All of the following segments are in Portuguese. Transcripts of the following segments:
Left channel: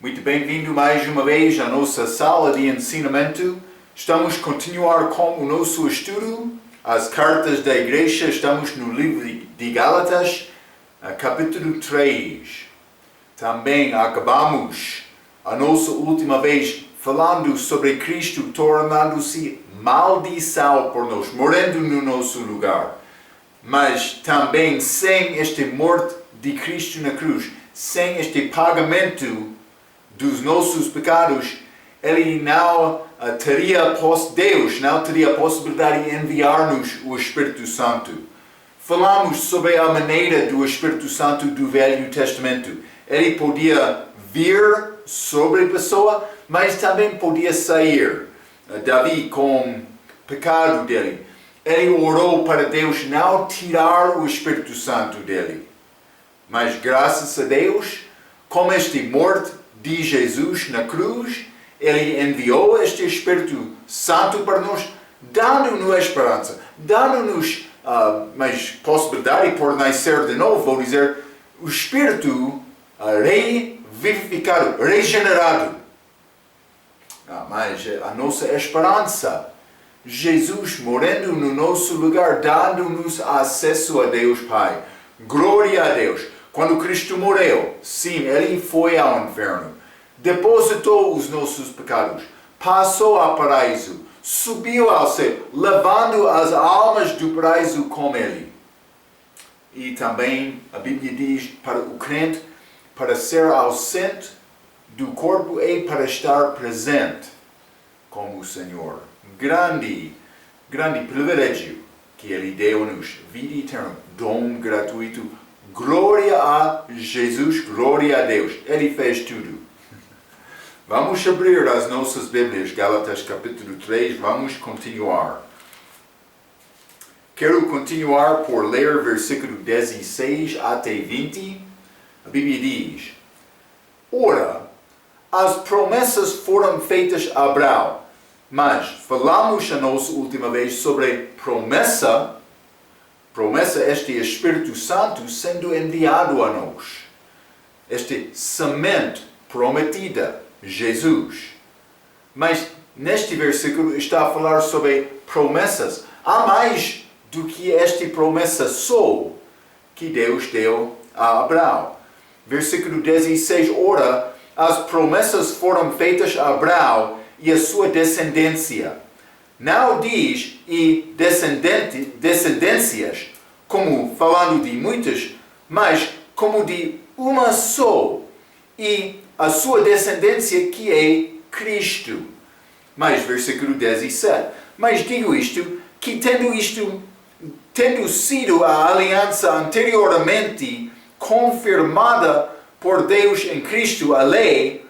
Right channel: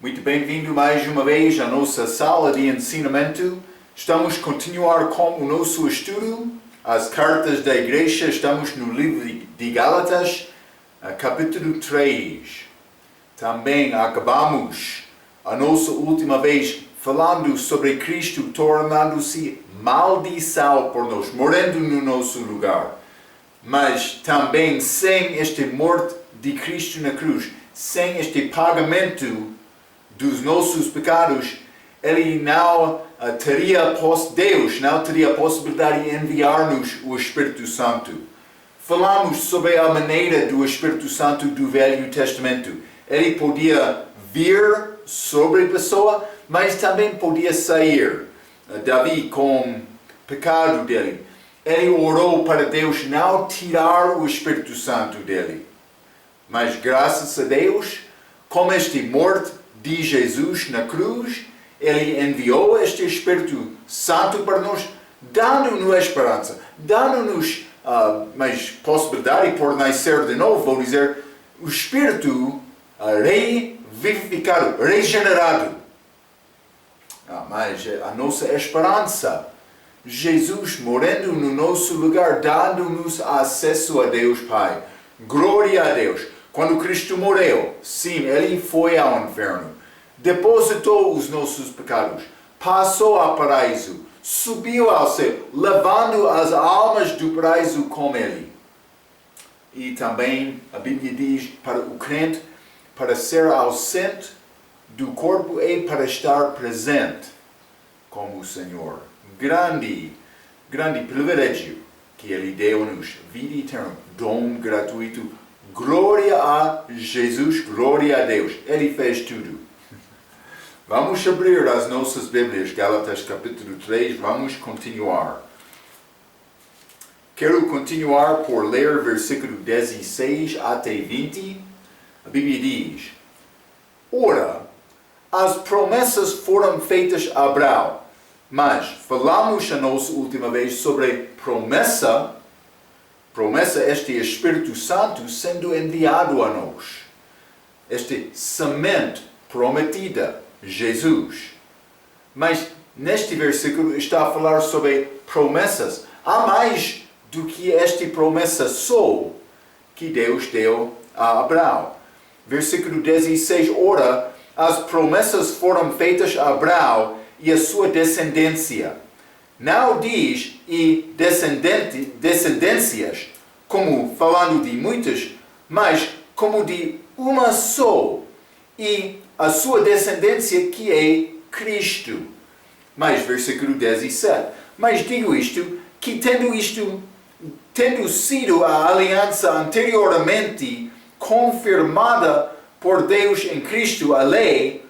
Muito bem-vindo mais uma vez à nossa sala de ensinamento. Estamos a continuar com o nosso estudo, as cartas da igreja. Estamos no livro de Gálatas, capítulo 3. Também acabamos a nossa última vez falando sobre Cristo tornando-se maldição por nós, morrendo no nosso lugar. Mas também sem esta morte de Cristo na cruz, sem este pagamento dos nossos pecados, Ele não teria Deus não teria a possibilidade de enviar-nos o Espírito Santo. Falamos sobre a maneira do Espírito Santo do Velho Testamento. Ele podia vir sobre a pessoa, mas também podia sair. Davi, com o pecado dele, ele orou para Deus não tirar o Espírito Santo dele. Mas graças a Deus, com esta morte de Jesus na cruz, Ele enviou este Espírito Santo para nós, dando-nos esperança, dando-nos mais possibilidade por nascer de novo, vou dizer, o Espírito revivificado, regenerado. Mas a nossa esperança, Jesus morrendo no nosso lugar, dando-nos acesso a Deus Pai. Glória a Deus. Quando Cristo morreu, sim, Ele foi ao inferno, depositou os nossos pecados, passou ao paraíso, subiu ao céu, levando as almas do paraíso com Ele. E também a Bíblia diz para o crente, para ser ausente do corpo e para estar presente com o Senhor. Grande privilégio que Ele deu-nos, vida eterna, dom gratuito. Glória a Jesus, glória a Deus. Ele fez tudo. Vamos abrir as nossas Bíblias, Gálatas capítulo 3, vamos continuar. Quero continuar por ler versículo 16 até 20. A Bíblia diz: Ora, as promessas foram feitas a Abraão, mas falamos a nossa última vez sobre promessa, este Espírito Santo sendo enviado a nós. Este semente prometida, Jesus. Mas neste versículo está a falar sobre promessas. Há mais do que esta promessa só que Deus deu a Abraão. Versículo 16, ora, as promessas foram feitas a Abraão e a sua descendência. Não diz e descendências, como falando de muitas, mas como de uma só, e a sua descendência que é Cristo. Mas versículo 17, mas digo isto, que tendo sido a aliança anteriormente confirmada por Deus em Cristo, a lei,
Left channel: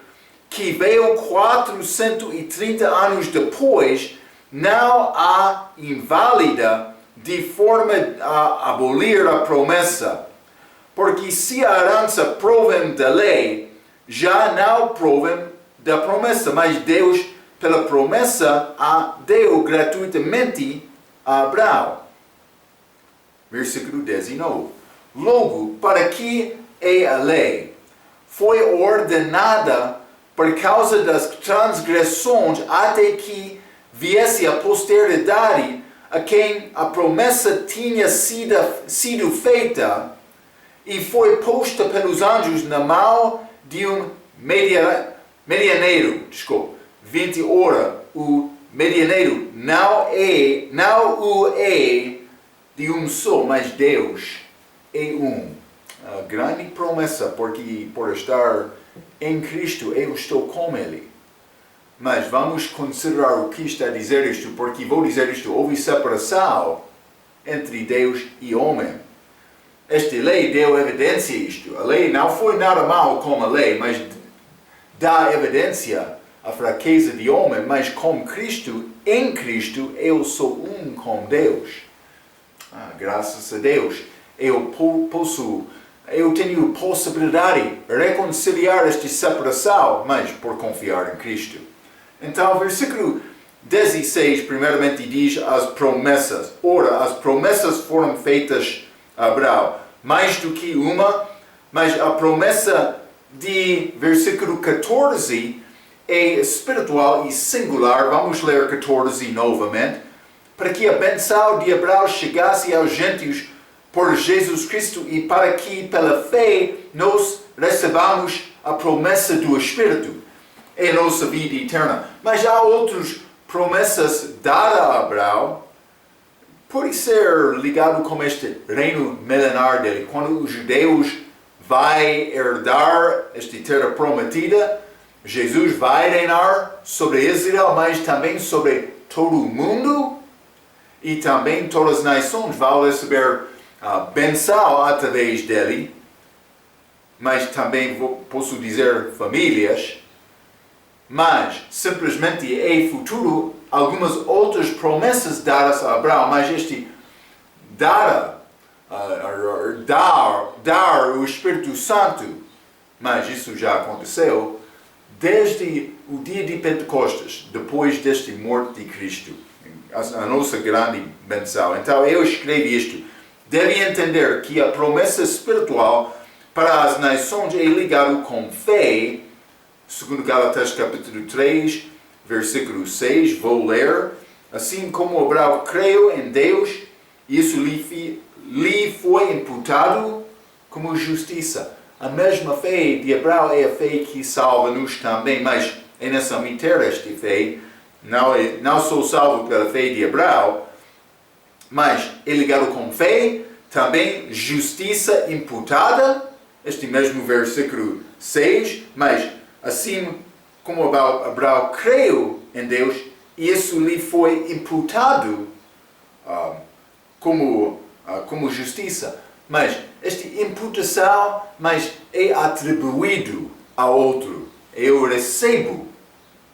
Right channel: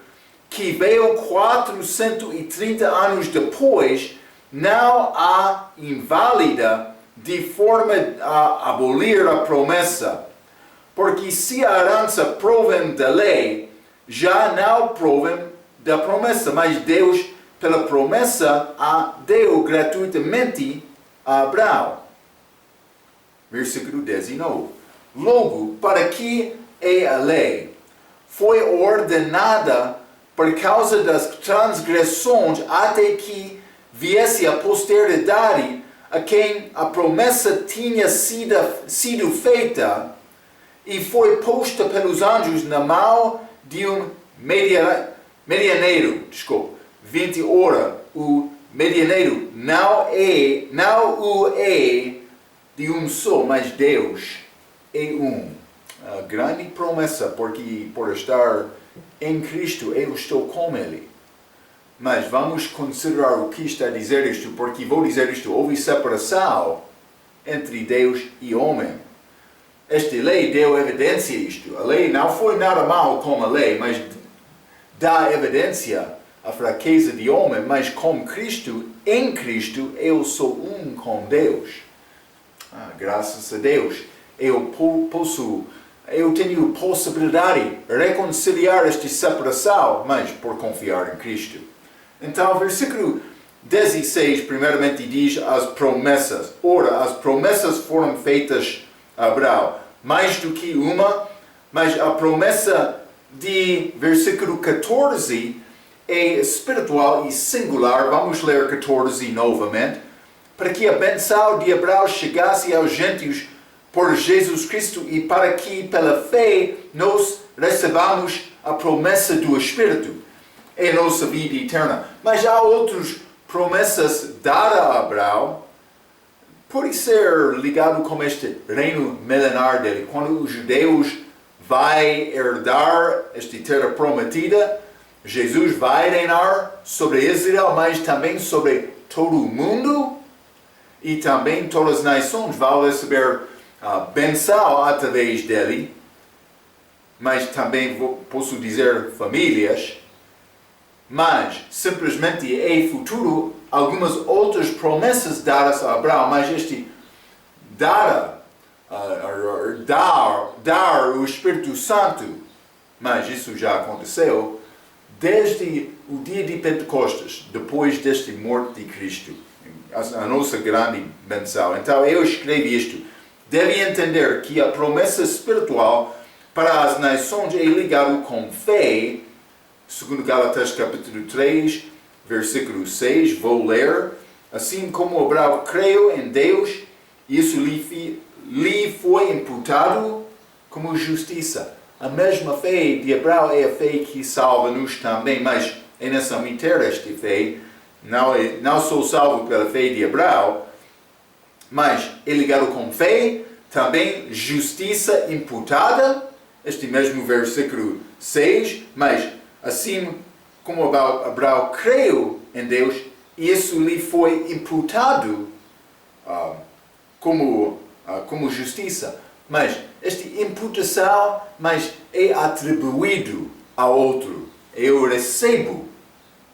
que veio 430 anos depois, não há inválida de forma a abolir a promessa. Porque se a herança provém da lei, já não provém da promessa, mas Deus, pela promessa, a deu gratuitamente a Abraão. Versículo 19. Logo, para que é a lei? Foi ordenada por causa das transgressões até que viesse a posteridade a quem a promessa tinha sido feita e foi posta pelos anjos na mão de um medianeiro. 20 ora, o medianeiro não o é de um só, mas Deus é um. A grande promessa, porque por estar em Cristo eu estou com Ele. Mas vamos considerar o que está a dizer isto, porque vou dizer isto, houve separação entre Deus e homem. Esta lei deu evidência a isto. A lei não foi nada mal como a lei, mas dá evidência à fraqueza de homem, mas com Cristo, em Cristo, eu sou um com Deus. Graças a Deus, eu tenho possibilidade de reconciliar esta separação, mas por confiar em Cristo. Então, versículo 16, primeiramente diz as promessas. Ora, as promessas foram feitas a Abraão, mais do que uma, mas a promessa de versículo 14 é espiritual e singular. Vamos ler 14 novamente. Para que a bênção de Abraão chegasse aos gentios por Jesus Cristo e para que, pela fé, nós recebamos a promessa do Espírito em nossa vida eterna. Mas há outras promessas dadas a Abraão. Pode ser ligado com este reino milenar dele. Quando os judeus vão herdar esta terra prometida, Jesus vai reinar sobre Israel, mas também sobre todo o mundo. E também todas as nações vão receber a bênção através dele. Mas também posso dizer famílias. Mas simplesmente é futuro algumas outras promessas dadas a Abraão. Mas este dar o Espírito Santo, mas isso já aconteceu desde o dia de Pentecostes, depois desta morte de Cristo, a nossa grande bênção. Então eu escrevi isto. Deve entender que a promessa espiritual para as nações é ligada com fé, segundo Gálatas capítulo 3, versículo 6, vou ler. Assim como Abraão creu em Deus, isso lhe foi imputado como justiça. A mesma fé de Abraão é a fé que salva-nos também, mas é nessa meter esta fé. Não sou salvo pela fé de Abraão, mas é ligado com fé, também justiça imputada, este mesmo versículo 6, mas assim como Abraão creu em Deus, isso lhe foi imputado como justiça. Mas esta imputação é atribuído a outro. Eu recebo,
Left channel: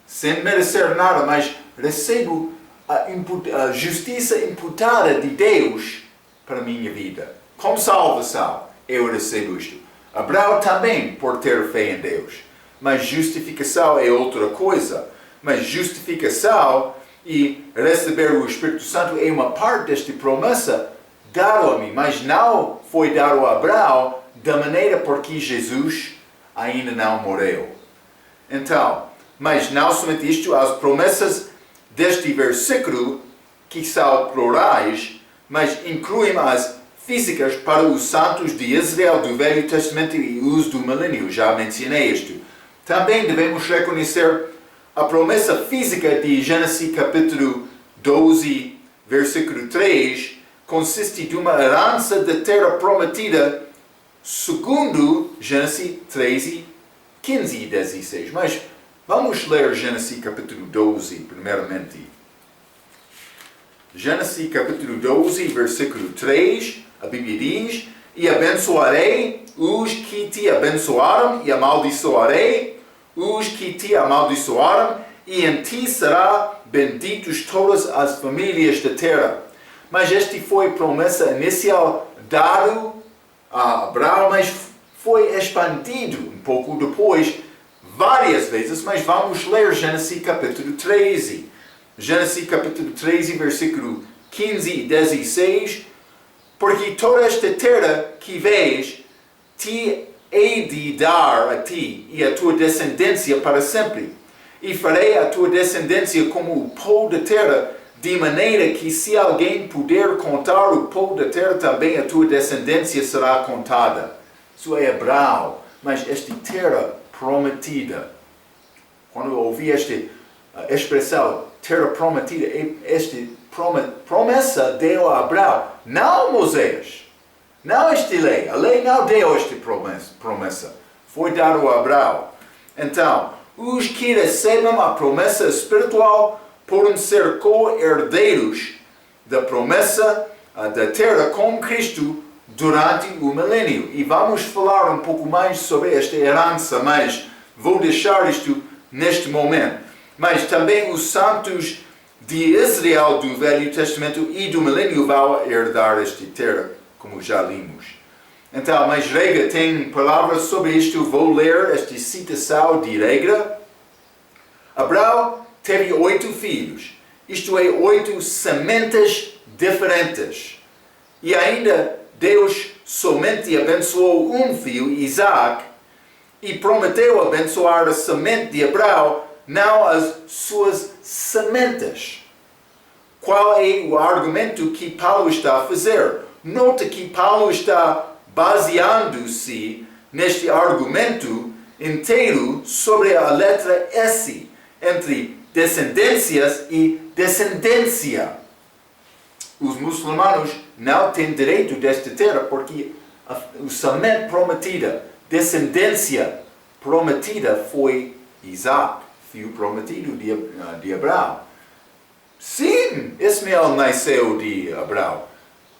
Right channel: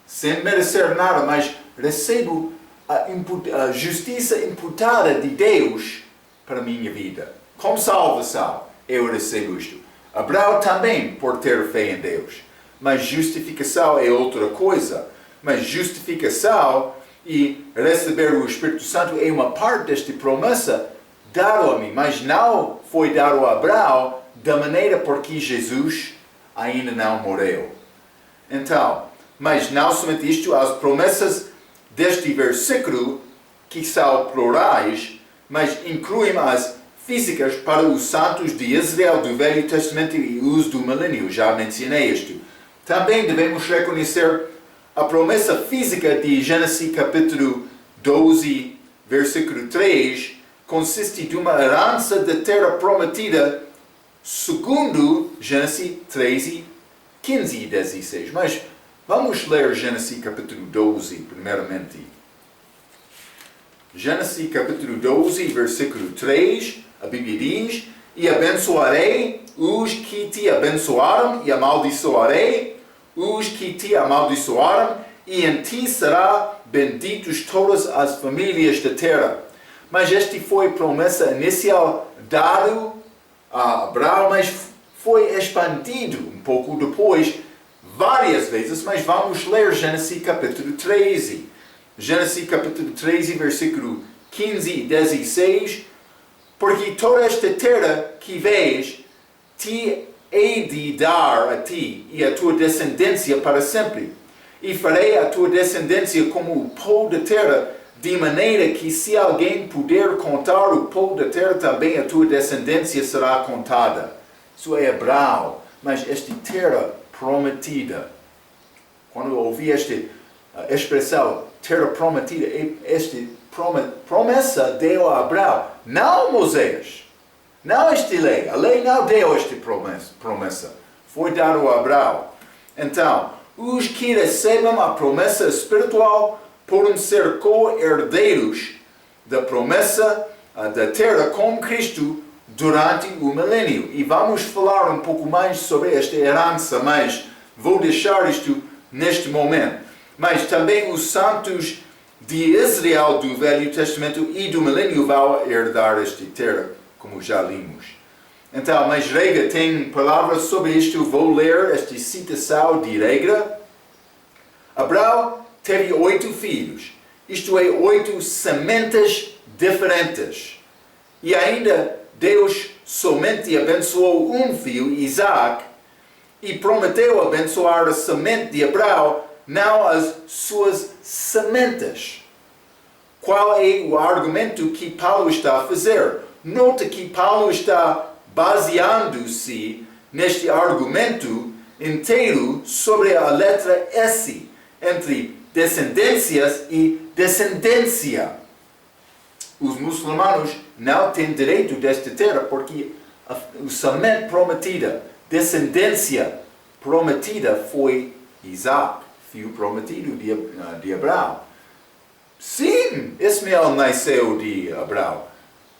sem merecer nada, mas recebo a justiça imputada de Deus para a minha vida. Como salvação, eu recebo isto. Abraão também por ter fé em Deus. Mas justificação é outra coisa. Mas justificação e receber o Espírito Santo é uma parte desta promessa dado a mim, mas não foi dado a Abraão da maneira porque Jesus ainda não morreu. Então, mas não somente isto, as promessas deste versículo, que são plurais, mas incluem as físicas para os santos de Israel do Velho Testamento e os do milênio. Já mencionei isto. Também devemos reconhecer a promessa física de Gênesis capítulo 12, versículo 3, consiste de uma herança da terra prometida, segundo Gênesis 13, 15 e 16. Mas vamos ler Gênesis capítulo 12, primeiramente. Gênesis capítulo 12, versículo 3, a Bíblia diz: E abençoarei os que te abençoaram, e amaldiçoarei os que te amaldiçoaram, e em ti será benditos todas as famílias da terra. Mas esta foi a promessa inicial dada a Abraão, mas foi expandido um pouco depois, várias vezes, mas vamos ler Gênesis capítulo 13. Gênesis capítulo 13, versículo 15 e 16. Porque toda esta terra que vês, te hei de dar a ti e a tua descendência para sempre. E farei a tua descendência como o pó da terra, de maneira que se alguém puder contar o pó da terra, também a tua descendência será contada. Isso é Abraão, mas esta terra prometida. Quando eu ouvi esta expressão, terra prometida, esta promessa deu a Abraão, não Moisés, não esta lei. A lei não deu esta promessa. Foi dado a Abraão. Então, os que recebem a promessa espiritual podem ser co-herdeiros da promessa da terra com Cristo durante o milênio. E vamos falar um pouco mais sobre esta herança, mas vou deixar isto neste momento. Mas também os santos de Israel do Velho Testamento e do milênio vão herdar esta terra, como já vimos. Então, mas Rega tem palavras sobre isto. Vou ler esta citação de Rega. Abraão teve 8 filhos, isto é, 8 sementes diferentes. E ainda Deus somente abençoou um filho, Isaac, e prometeu abençoar a semente de Abraão, não as suas sementes. Qual é o argumento que Paulo está a fazer? Nota que Paulo está baseando-se neste argumento inteiro sobre a letra S, entre descendências e descendência. Os muçulmanos não têm direito desta terra porque a semente prometida, descendência prometida foi Isaac, filho prometido de Abraão. Sim, Ismael nasceu de Abraão,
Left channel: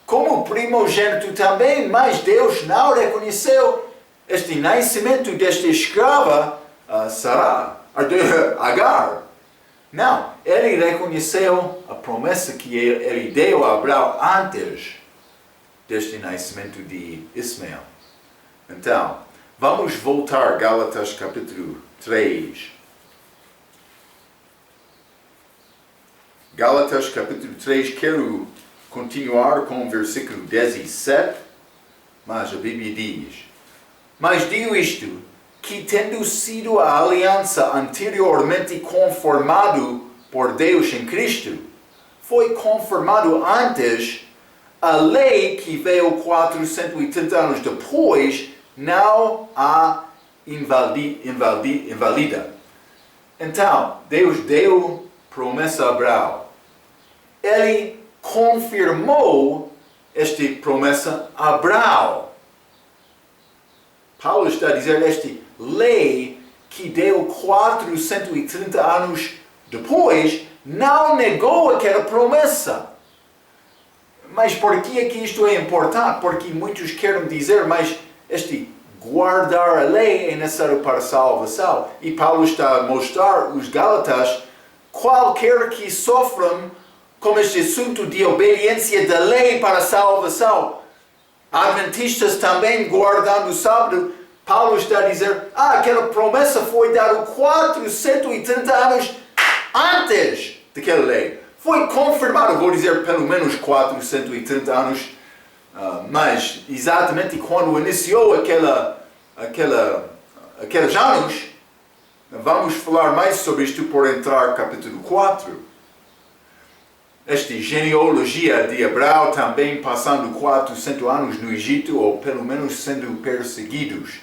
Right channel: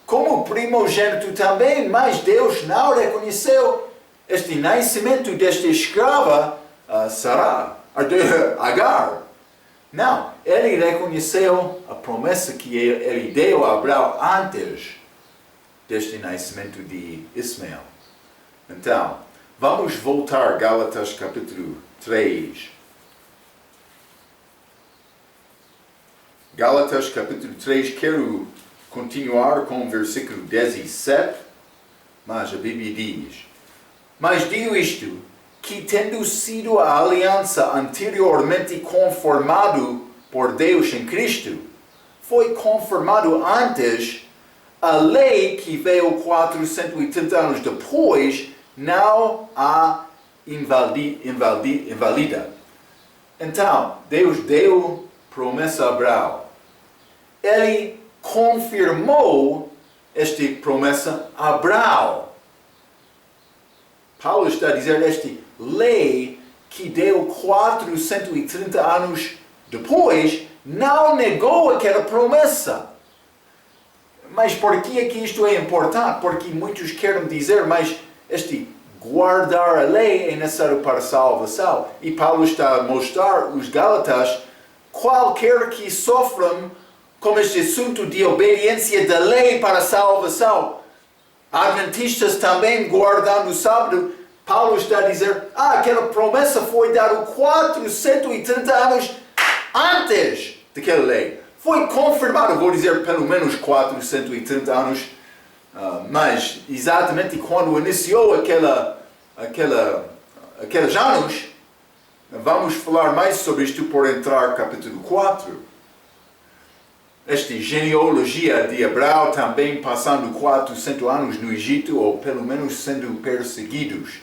como primogênito também, mas Deus não reconheceu este nascimento desta escrava, Agar. Não, ele reconheceu a promessa que ele deu a Abraão antes deste nascimento de Ismael. Então, vamos voltar a Gálatas capítulo 3. Gálatas capítulo 3, quero continuar com o versículo 17, mas a Bíblia diz: mas digo isto, que tendo sido a aliança anteriormente conformado por Deus em Cristo, foi conformado antes, a lei que veio 430 anos depois não a invalida. Então, Deus deu promessa a Abraão. Ele confirmou esta promessa a Abraão. Paulo está a dizer esta lei que deu 430 anos depois não negou aquela promessa. Mas por que é que isto é importante? Porque muitos querem dizer, mas este guardar a lei é necessário para a salvação. E Paulo está a mostrar os Gálatas, qualquer que sofram com este assunto de obediência da lei para a salvação, adventistas também guardando o sábado, Paulo está a dizer, aquela promessa foi dada 430 anos antes daquela lei. Foi confirmado, vou dizer pelo menos 430 anos, mas exatamente quando iniciou aqueles anos, vamos falar mais sobre isto por entrar no capítulo 4. Esta genealogia de Abraão também passando 400 anos no Egito, ou pelo menos sendo perseguidos.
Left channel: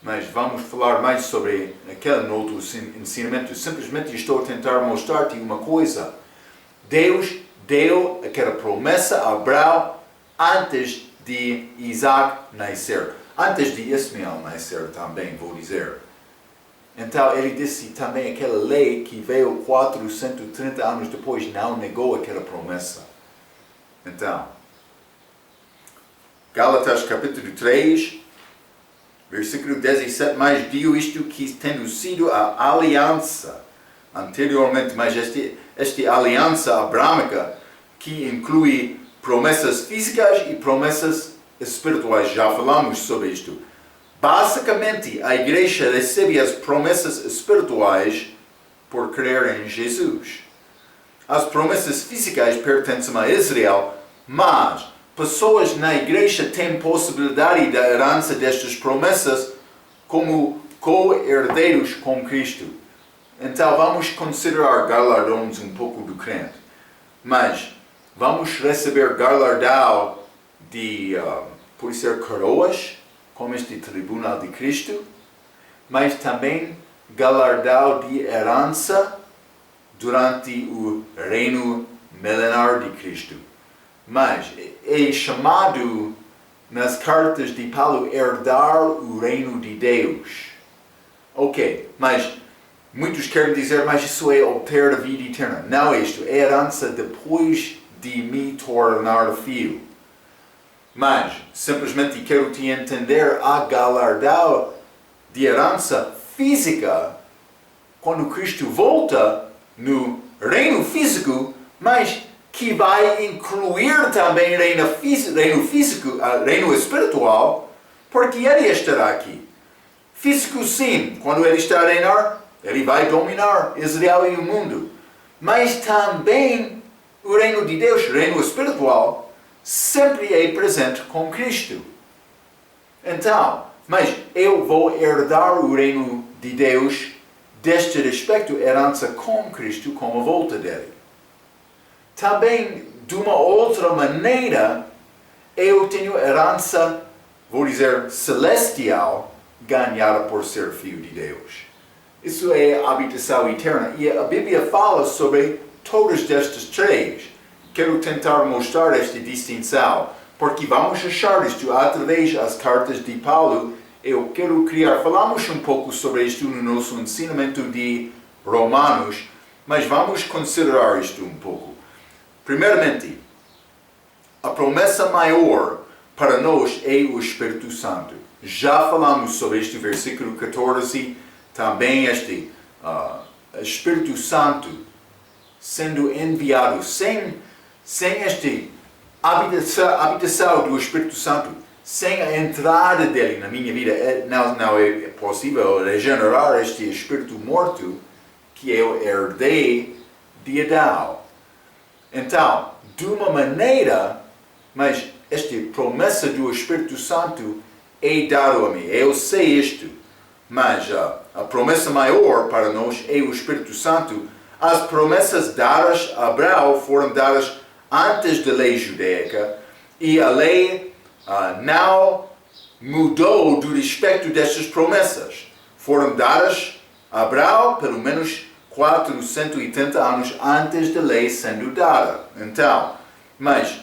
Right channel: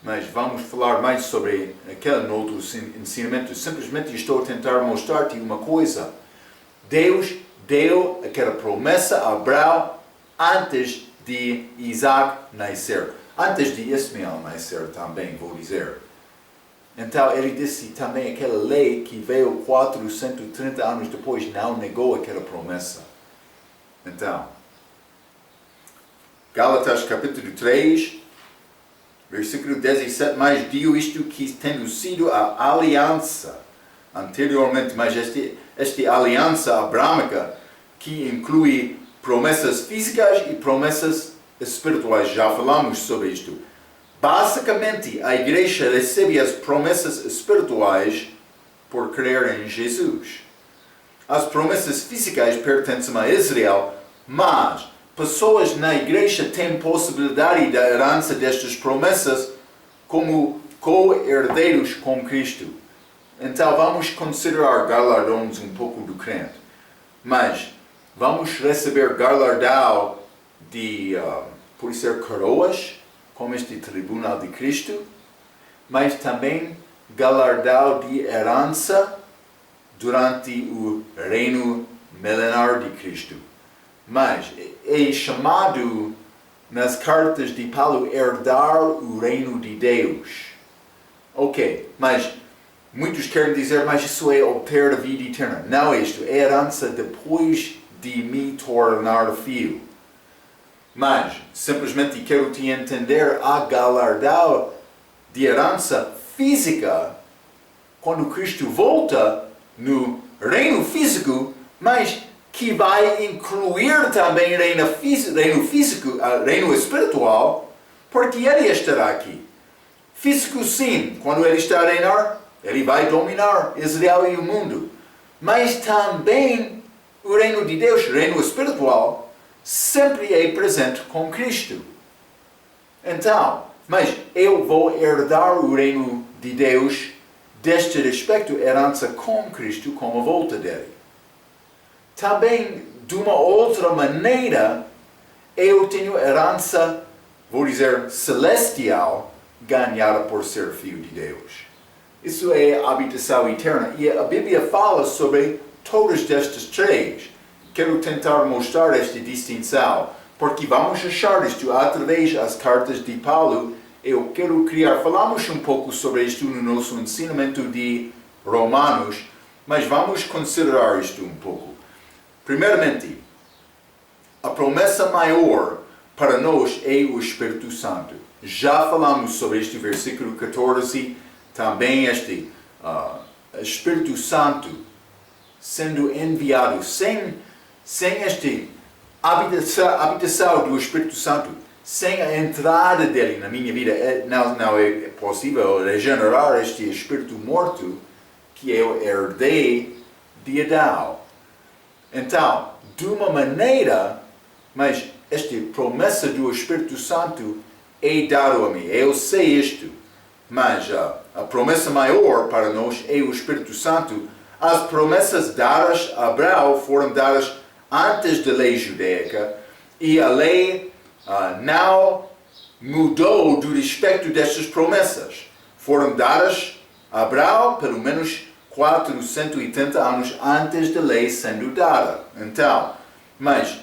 Mas vamos falar mais sobre aquele outro ensinamento. Simplesmente estou a tentar mostrar-te uma coisa. Deus deu aquela promessa a Abraão antes de Isaac nascer. Antes de Ismael nascer também, vou dizer. Então ele disse também aquela lei que veio 430 anos depois não negou aquela promessa. Então, Gálatas capítulo 3, versículo 17, mas digo isto que tendo sido a aliança anteriormente, mas esta aliança abrâmica que inclui promessas físicas e promessas espirituais, já falamos sobre isto. Basicamente, a igreja recebe as promessas espirituais por crer em Jesus. As promessas físicas pertencem a Israel, mas pessoas na igreja têm possibilidade da herança destas promessas como co-herdeiros com Cristo. Então vamos considerar galardões um pouco do crente. Mas vamos receber galardão de, por ser coroas, como este tribunal de Cristo, mas também galardão de herança durante o reino milenar de Cristo. Mas é chamado nas cartas de Paulo herdar o reino de Deus. Ok, mas muitos querem dizer, mas isso é obter a vida eterna. Não é isto, é herança depois de me tornar filho. Mas, simplesmente quero te entender a galardão de herança física quando Cristo volta no reino físico, mas que vai incluir também reino físico, reino espiritual, porque ele estará aqui. Físico sim, quando ele está a reinar, ele vai dominar Israel e o mundo. Mas também o reino de Deus, reino espiritual, sempre é presente com Cristo. Então, mas eu vou herdar o reino de Deus deste respeito, herança com Cristo, com a volta dele. Também, de uma outra maneira, eu tenho herança, vou dizer, celestial, ganhada por ser filho de Deus. Isso é a habitação eterna. E a Bíblia fala sobre todas estas três. Quero tentar mostrar esta distinção, porque vamos achar isto através das cartas de Paulo. Eu quero falamos um pouco sobre isto no nosso ensinamento de Romanos, mas vamos considerar isto um pouco. Primeiramente, a promessa maior para nós é o Espírito Santo. Já falamos sobre este versículo 14, também este Espírito Santo sendo enviado, sem esta habitação do Espírito Santo, sem a entrada dele na minha vida, não é possível regenerar este Espírito morto que eu herdei de Adão. Então, de uma maneira, mas esta promessa do Espírito Santo é dado a mim. Eu sei isto, mas a promessa maior para nós é o Espírito Santo. As promessas dadas a Abraão foram dadas antes da lei judaica e a lei não mudou do respeito destas promessas. Foram dadas a Abraão pelo menos 480 anos antes da lei sendo dada. Então, mas,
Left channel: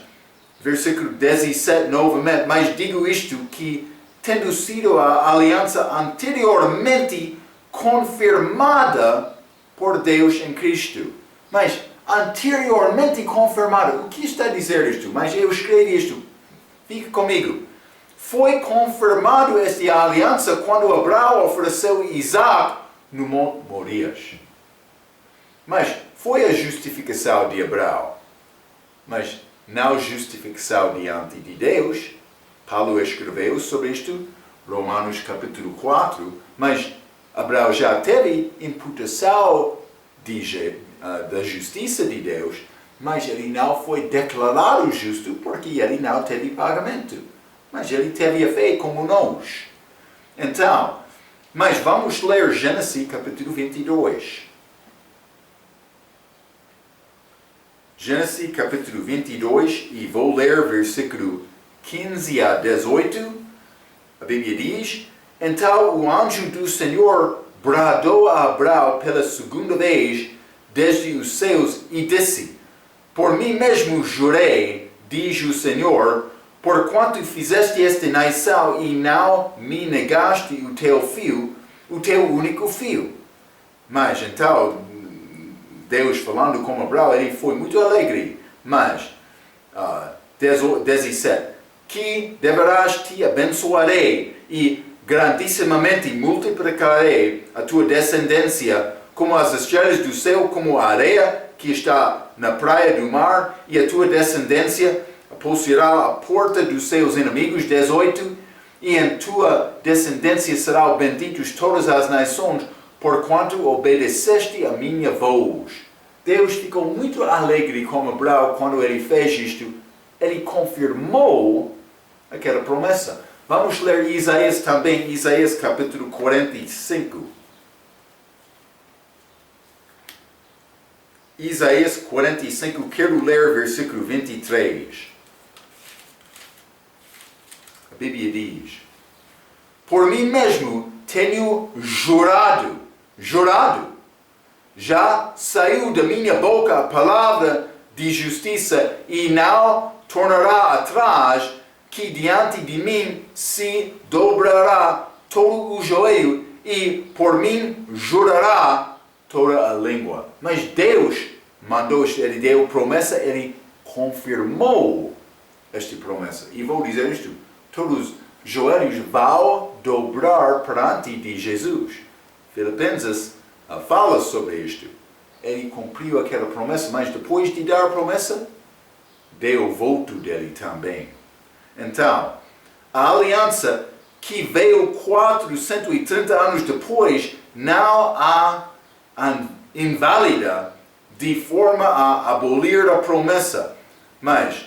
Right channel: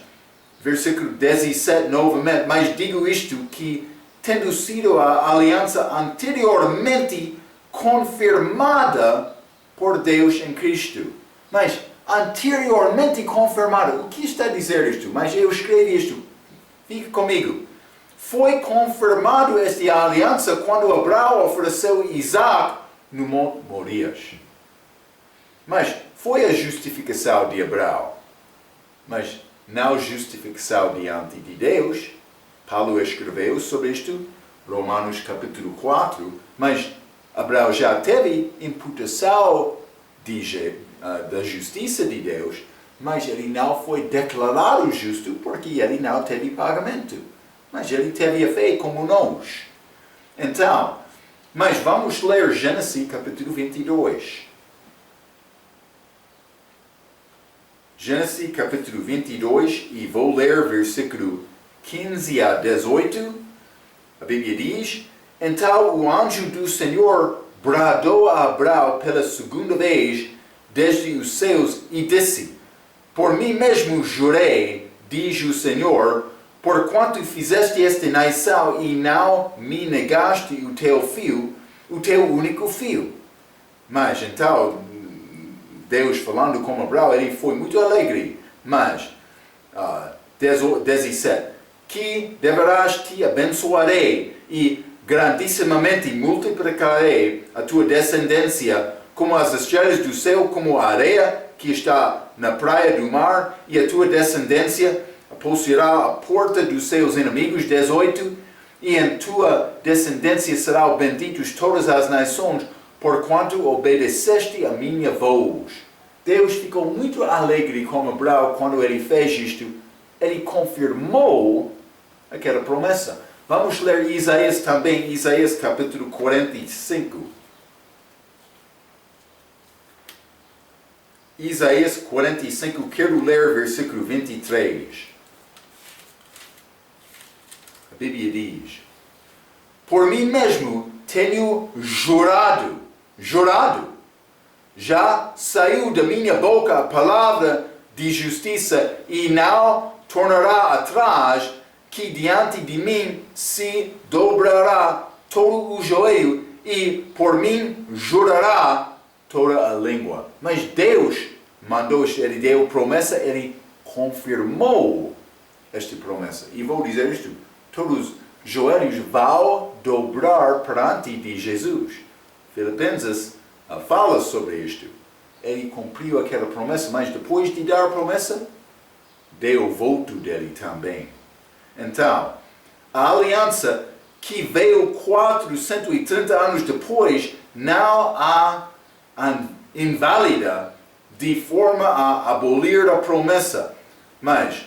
versículo 17 novamente, mas digo isto que, tendo sido a aliança anteriormente confirmada por Deus em Cristo. Mas, anteriormente confirmada, o que está a dizer isto? Mas eu escrevi isto, fique comigo. Foi confirmado esta aliança quando Abraão ofereceu Isaac no Monte Morias. Mas foi a justificação de Abraão, mas não justificação diante de Deus. Paulo escreveu sobre isto, Romanos capítulo 4, mas Abraão já teve imputação da justiça de Deus, mas ele não foi declarado justo porque ele não teve pagamento. Mas ele teve a fé como nós. Então, mas vamos ler Gênesis capítulo 22. Gênesis capítulo 22 e vou ler versículo 15 a 18. A Bíblia diz: Então o anjo do Senhor bradou a Abraão pela segunda vez desde os céus e disse: Por mim mesmo jurei, diz o Senhor, porquanto fizeste esta nação e não me negaste o teu filho, o teu único filho. Mas então, Deus falando com Abraão, ele foi muito alegre. Mas, 17, que deverás te abençoarei e grandissimamente multiplicarei a tua descendência como as estrelas do céu, como a areia que está na praia do mar, e a tua descendência possuirá a porta dos seus inimigos. 18, e em tua descendência serão benditos todas as nações, porquanto obedeceste a minha voz. Deus ficou muito alegre com Abraão quando ele fez isto. Ele confirmou aquela promessa. Vamos ler Isaías também, Isaías capítulo 45. Isaías 45, quero ler versículo 23. A Bíblia diz: Por mim mesmo tenho jurado, já saiu da minha boca a palavra de justiça e não tornará atrás, que diante de mim se dobrará todo o joelho e por mim jurará toda a língua. Mas Deus mandou, ele deu promessa, ele confirmou esta promessa. E vou dizer isto, todos os joelhos vão dobrar perante de Jesus. Filipenses fala sobre isto. Ele cumpriu aquela promessa, mas depois de dar a promessa, deu o voto dele também. Então, a aliança que veio 430 anos depois não há inválida de forma a abolir a promessa. Mas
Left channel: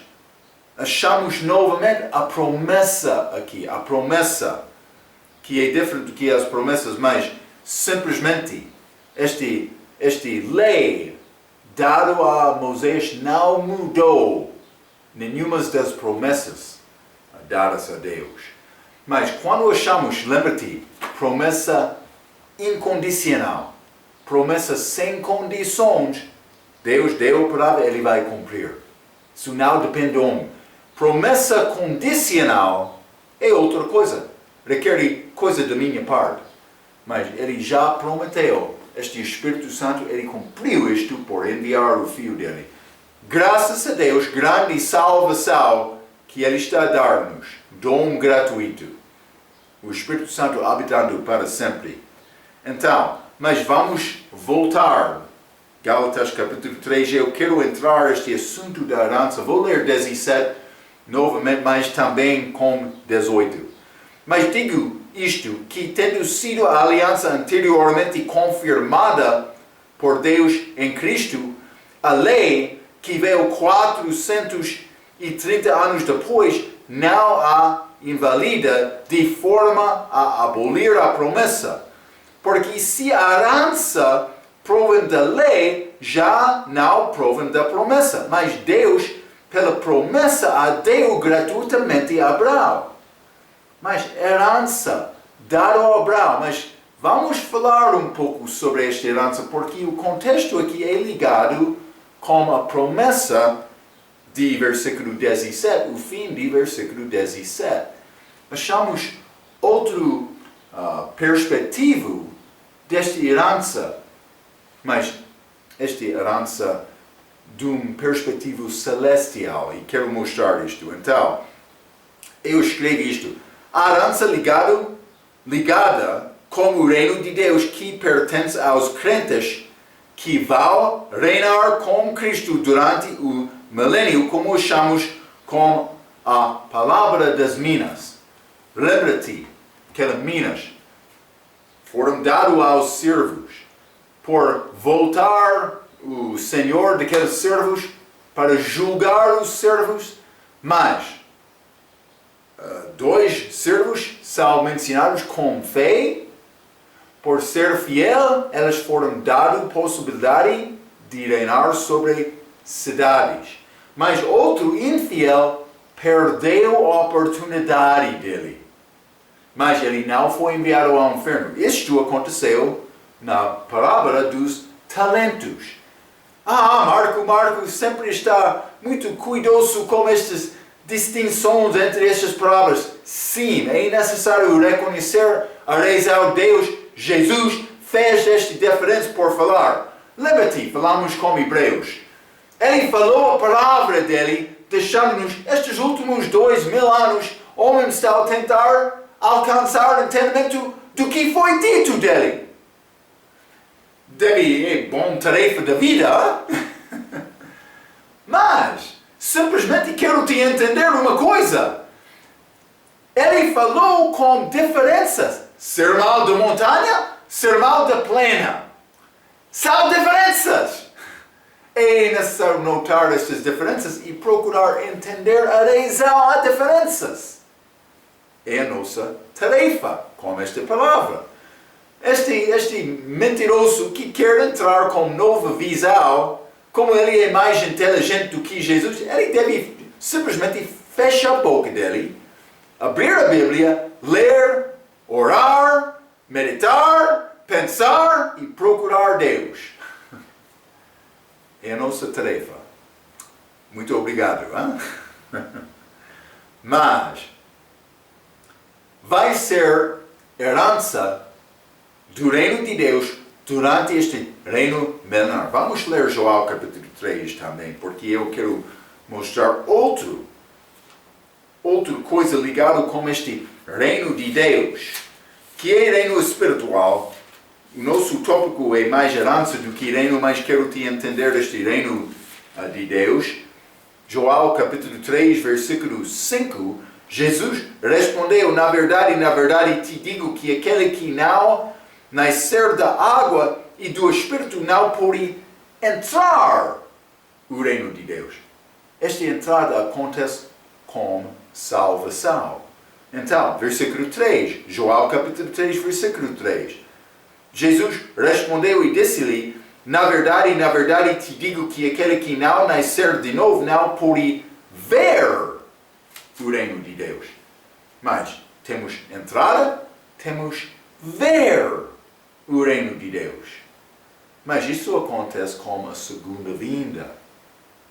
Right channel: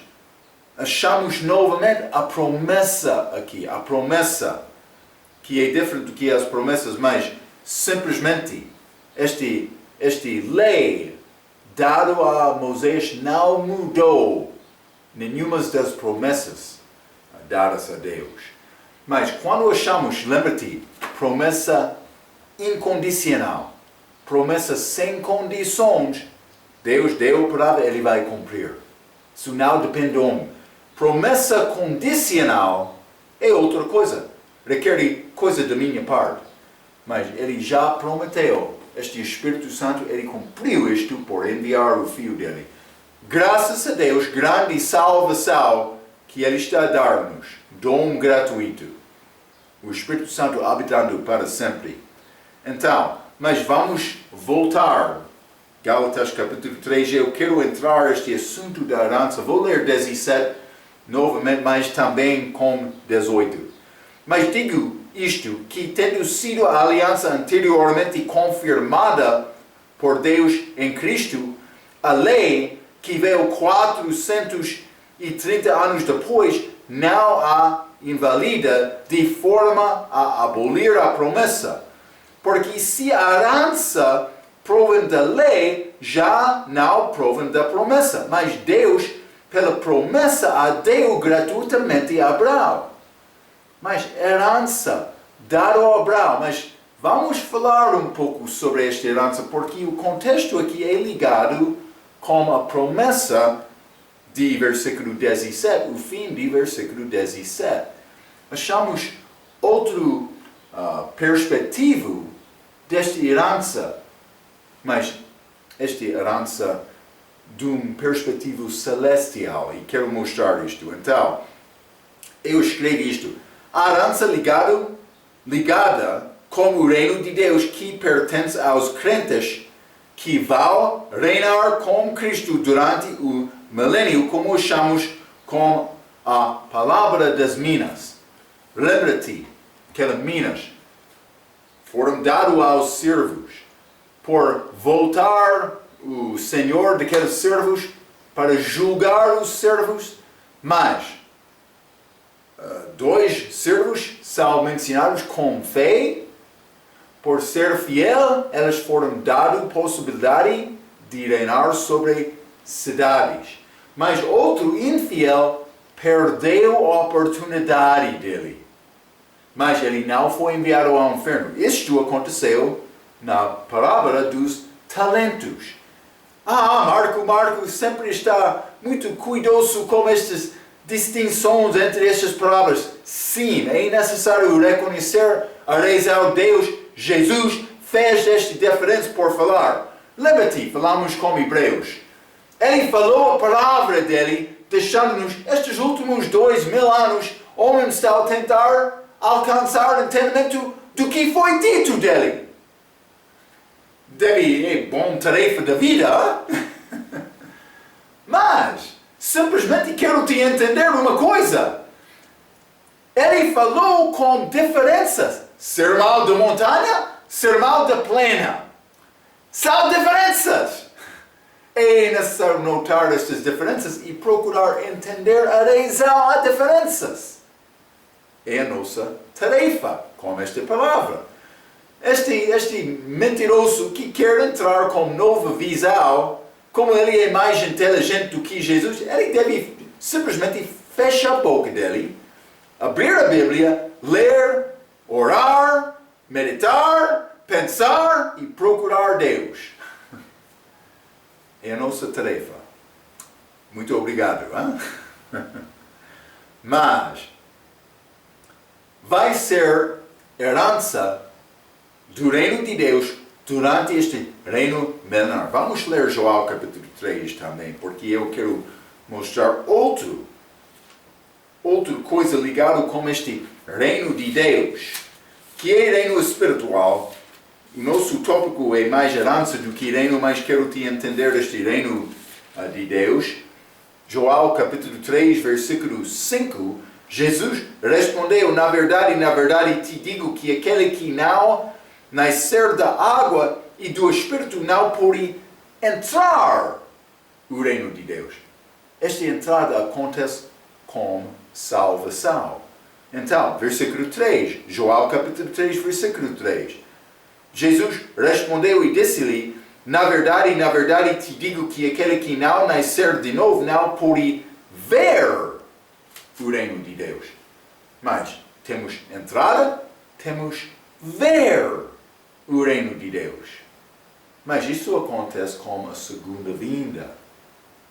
achamos novamente a promessa aqui, a promessa. que é diferente do que as promessas, mas simplesmente este lei dado a Moisés não mudou nenhuma das promessas dadas a Deus. Mas quando achamos, lembra-te, promessa incondicional, promessa sem condições, Deus deu a palavra, Ele vai cumprir. Isso não depende de homem. Promessa condicional é outra coisa. Requer coisa da minha parte. Mas Ele já prometeu. Este Espírito Santo, Ele cumpriu isto por enviar o Filho dele. Graças a Deus, grande salvação que Ele está a dar-nos. Dom gratuito. O Espírito Santo habitando para sempre. Então, mas vamos voltar. Gálatas capítulo 3, eu quero entrar neste assunto da herança. Vou ler 17 novamente, mas também com 18. Mas digo isto, que tendo sido a aliança anteriormente confirmada por Deus em Cristo, a lei que veio 430 anos depois não a invalida de forma a abolir a promessa. Porque se a herança provém da lei, já não provém da promessa. Mas Deus, pela promessa, a deu gratuitamente a Abraão. Mas herança dada a Abraão. Mas vamos falar um pouco sobre esta herança, porque o contexto aqui é ligado com a promessa de versículo 17, o fim de versículo 17. Achamos outro perspectivo desta herança, mas esta herança de um perspectivo celestial, e quero mostrar isto. Então, eu escrevi isto. A herança ligada com o reino de Deus que pertence aos crentes que vão reinar com Cristo durante o milênio, como chamamos com a palavra das minas. Lembra-te que as minas foram dadas aos servos por voltar o senhor daqueles servos para julgar os servos, mas dois servos são mencionados com fé. Por ser fiel, eles foram dados a possibilidade de reinar sobre cidades. Mas outro infiel perdeu a oportunidade dele. Mas ele não foi enviado ao inferno. Isto aconteceu na parábola dos talentos. Marco sempre está muito cuidadoso com estas distinções entre estas palavras. Sim, é necessário reconhecer a razão de Deus. Jesus fez esta diferença por falar. Lembra-te, falamos com Hebreus. Ele falou a palavra dele, deixando-nos estes últimos 2000 anos, homens estão a tentar alcançar o entendimento do que foi dito dele. É bom tarefa da vida. Mas, simplesmente quero te entender uma coisa. Ele falou com diferenças. Sermão da montanha, sermão da plena. São diferenças. É necessário notar estas diferenças e procurar entender a razão das diferenças. É a nossa tarefa com esta palavra. Este mentiroso que quer entrar com nova visão, como ele é mais inteligente do que Jesus, ele deve simplesmente fechar a boca dele, abrir a Bíblia, ler, orar, meditar, pensar e procurar Deus. É a nossa tarefa. Muito obrigado. Hein? Mas vai ser herança do reino de Deus durante este reino milenar. Vamos ler João capítulo 3 também, porque eu quero mostrar outra coisa ligada com este reino de Deus, que é reino espiritual. O nosso tópico é mais herança do que reino, mas quero te entender este reino de Deus. João capítulo 3, versículo 5, Jesus respondeu, na verdade te digo que aquele que não nascer da água e do Espírito não pode entrar no reino de Deus. Esta entrada acontece com salvação. Então, versículo 3, João capítulo 3, versículo 3. Jesus respondeu e disse-lhe, na verdade, te digo que aquele que não nascer de novo não pode ver o reino de Deus. Mas temos entrada, temos ver o reino de Deus. Mas isso acontece com a segunda vinda.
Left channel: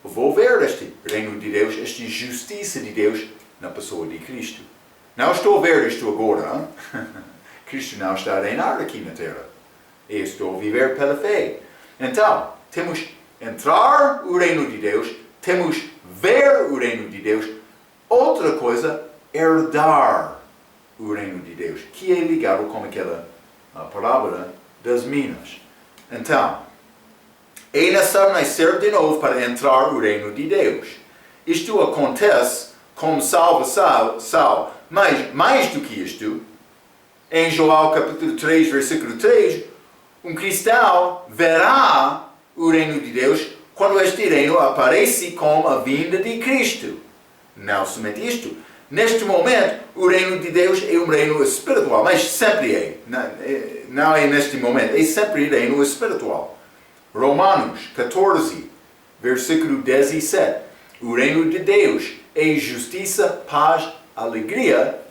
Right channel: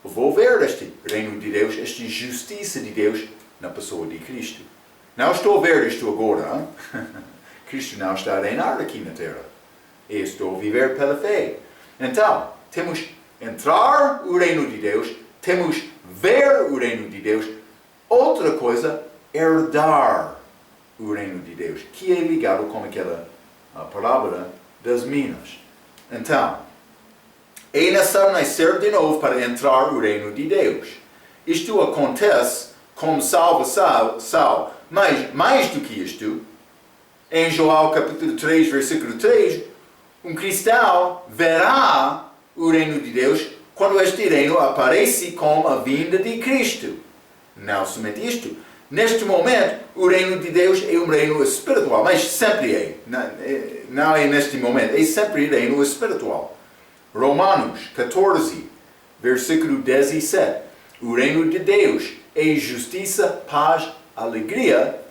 Eu vou ver este reino de Deus, esta justiça de Deus na pessoa de Cristo. Não estou a ver isto agora. Cristo não está a reinar aqui na terra. Eu estou a viver pela fé. Então, temos entrar o reino de Deus, temos ver o reino de Deus. Outra coisa, herdar o reino de Deus, que é ligado com aquela parábola das minas. Então, é necessário nascer de novo para entrar o reino de Deus. Isto acontece como salvação, mas mais do que isto, em João capítulo 3, versículo 3, um cristão verá o reino de Deus quando este reino aparece com a vinda de Cristo. Não somente isto. Neste momento, o reino de Deus é um reino espiritual, mas sempre é. Não é neste momento, é sempre reino espiritual. Romanos 14, versículo 17. O reino de Deus é justiça, paz, alegria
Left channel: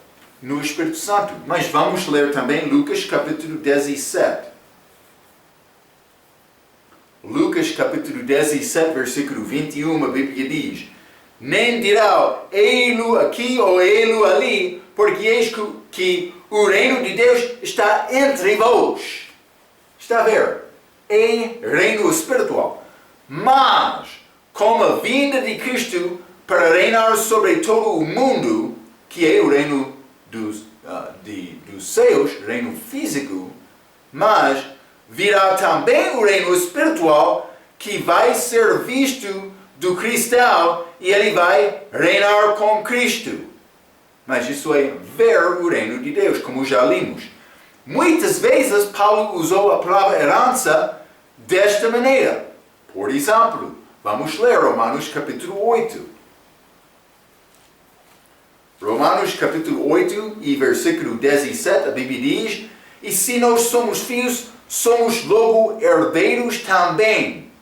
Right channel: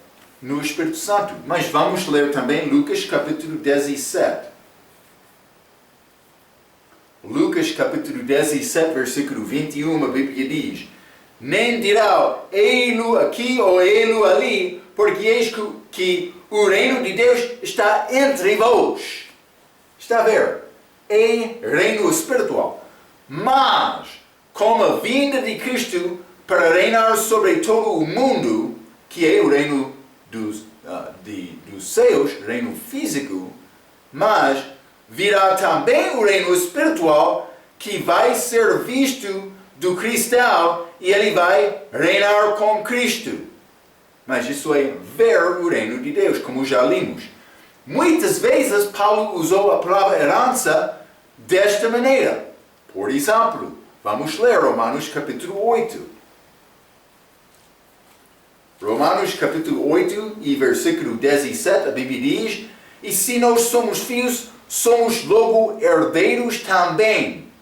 no Espírito Santo. Mas vamos ler também Lucas capítulo 17. Lucas capítulo 17, versículo 21, a Bíblia diz: nem dirá, ei-lo aqui ou ei-lo ali, porque eis que o reino de Deus está entre vós. Está a ver? É reino espiritual. Mas, com a vinda de Cristo para reinar sobre todo o mundo, que é o reino dos céus, reino físico, mas virá também o reino espiritual que vai ser visto do cristão e ele vai reinar com Cristo. Mas isso é ver o reino de Deus, como já limos. Muitas vezes Paulo usou a palavra herança desta maneira. Por exemplo, vamos ler Romanos capítulo 8. Romanos capítulo 8 e versículo 17, a Bíblia diz: e se nós somos filhos, somos logo herdeiros também.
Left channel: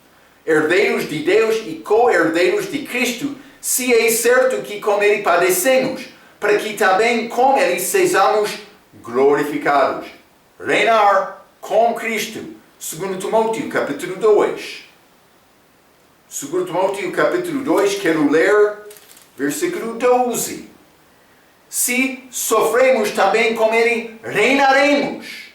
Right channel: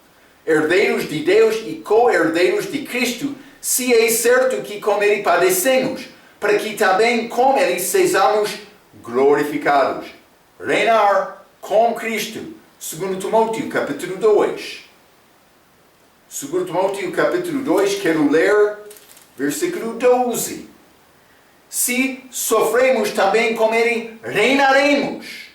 Herdeiros de Deus e co-herdeiros de Cristo, se é certo que com Ele padecemos, para que também com Ele sejamos glorificados. Reinar com Cristo. 2 Timóteo capítulo 2. 2 Timóteo capítulo 2, quero ler versículo 12. Se sofremos também com Ele, reinaremos.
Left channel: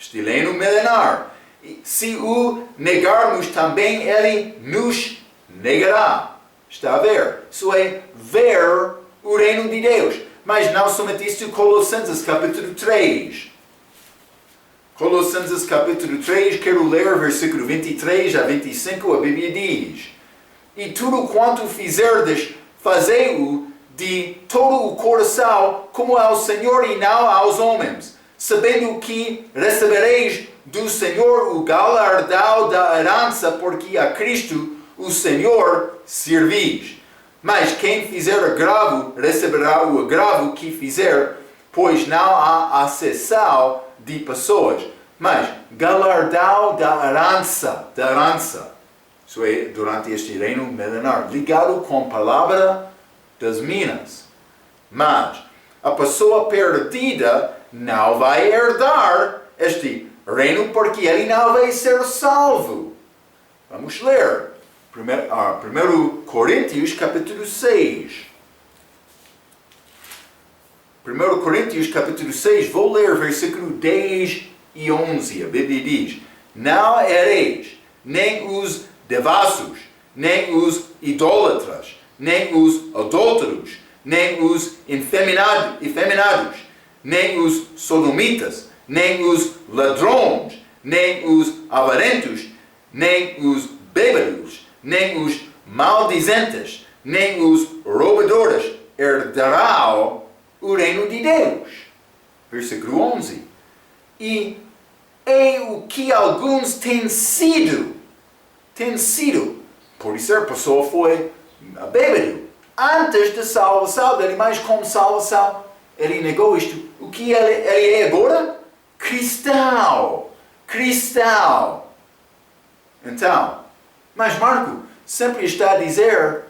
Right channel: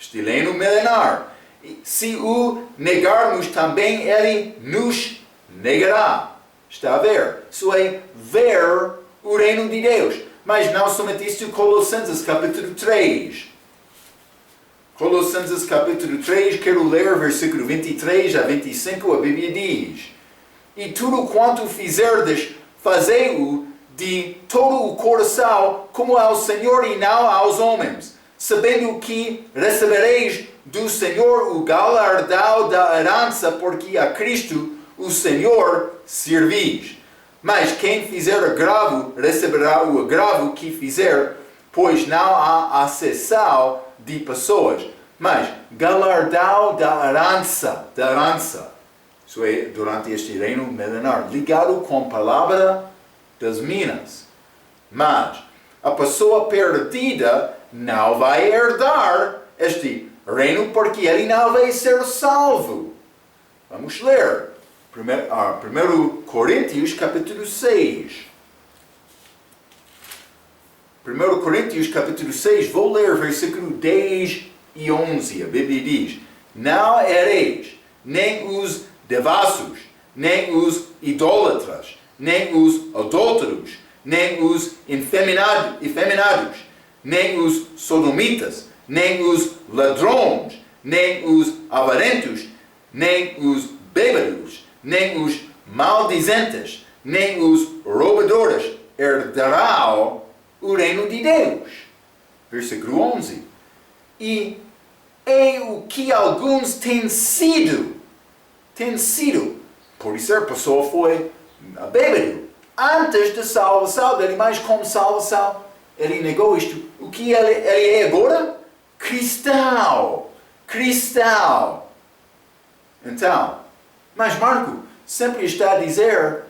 Este reino milenar. Se o negarmos também, Ele nos negará. Está a ver? Isso é ver o reino de Deus. Mas não somente isto, Colossenses capítulo 3. Colossenses capítulo 3, quero ler versículo 23 a 25, a Bíblia diz: e tudo quanto fizerdes, fazei-o de todo o coração, como ao Senhor e não aos homens, sabendo que recebereis do Senhor o galardão da herança, porque a Cristo, o Senhor, servis. Mas quem fizer agravo, receberá o agravo que fizer, pois não há acessão de pessoas, mas galardão da herança. Isso é, durante este reino milenar, ligado com a palavra das minas. Mas a pessoa perdida não vai herdar este reino, porque ele não vai ser salvo. Vamos ler 1 Coríntios capítulo 6. 1 Coríntios capítulo 6, vou ler versículo 10 e 11. A Bíblia diz: não ereis nem os devassos, nem os idólatras, nem os adúlteros, nem os efeminados, nem os sodomitas, nem os ladrões, nem os avarentos, nem os bêbados, nem os maldizentes, nem os roubadores herdarão o reino de Deus. Versículo 11. E é o que alguns têm sido. Por isso a pessoa foi bêbado antes da salvação dele, mas com salvação ele negou isto. O que ele é agora? Cristão. Cristão. Então, mas Marco sempre está a dizer,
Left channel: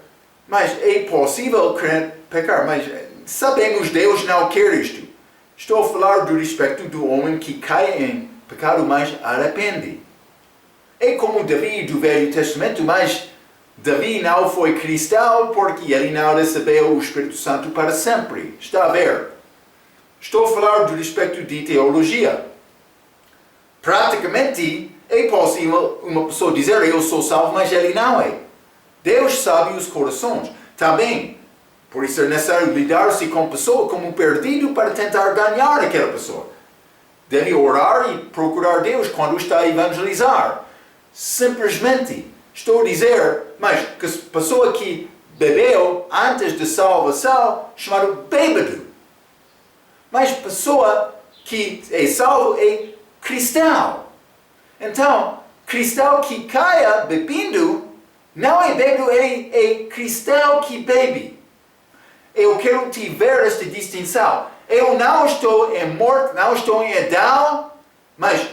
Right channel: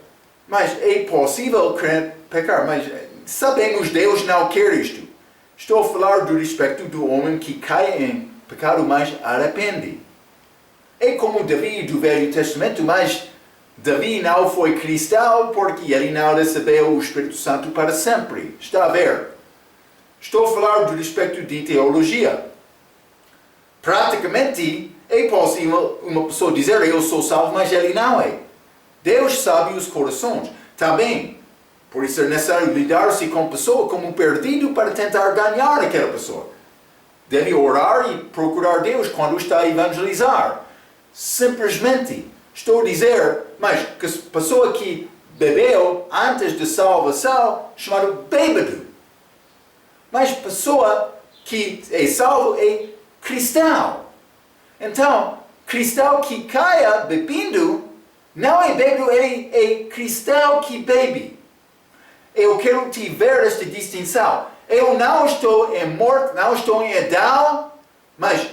mas é possível pecar, mas sabemos Deus não quer isto. Estou a falar do respeito do homem que cai em pecado, mas arrepende. É como Davi do Velho Testamento, mas Davi não foi cristão porque ele não recebeu o Espírito Santo para sempre. Está a ver? Estou a falar do respeito de teologia. Praticamente, é possível uma pessoa dizer eu sou salvo, mas ele não é. Deus sabe os corações. Também, por isso é necessário lidar-se com a pessoa como um perdido para tentar ganhar aquela pessoa. Deve orar e procurar Deus quando está a evangelizar. Simplesmente, estou a dizer, mas que a pessoa que bebeu antes de salvação, chamado bêbado. Mas pessoa que é salvo é cristão. Então, cristão que caia bebendo, não é bêbado, ele é cristão que bebe. Eu quero te ver esta distinção. Eu não estou em morte, não estou em Adão, mas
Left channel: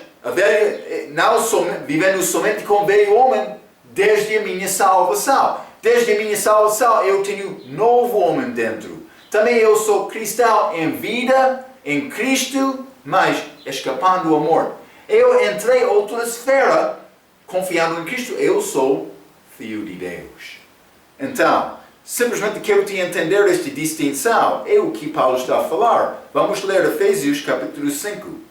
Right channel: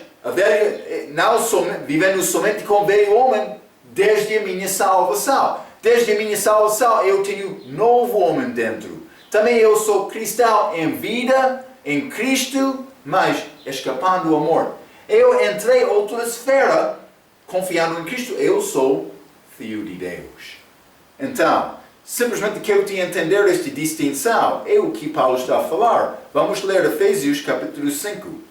não vivendo somente com o velho homem desde a minha salvação. Desde a minha salvação eu tenho novo homem dentro. Também eu sou cristão em vida, em Cristo, mas escapando à morte. Eu entrei em outra esfera, confiando em Cristo, eu sou filho de Deus. Então, simplesmente quero te entender esta distinção. É o que Paulo está a falar. Vamos ler Efésios capítulo 5.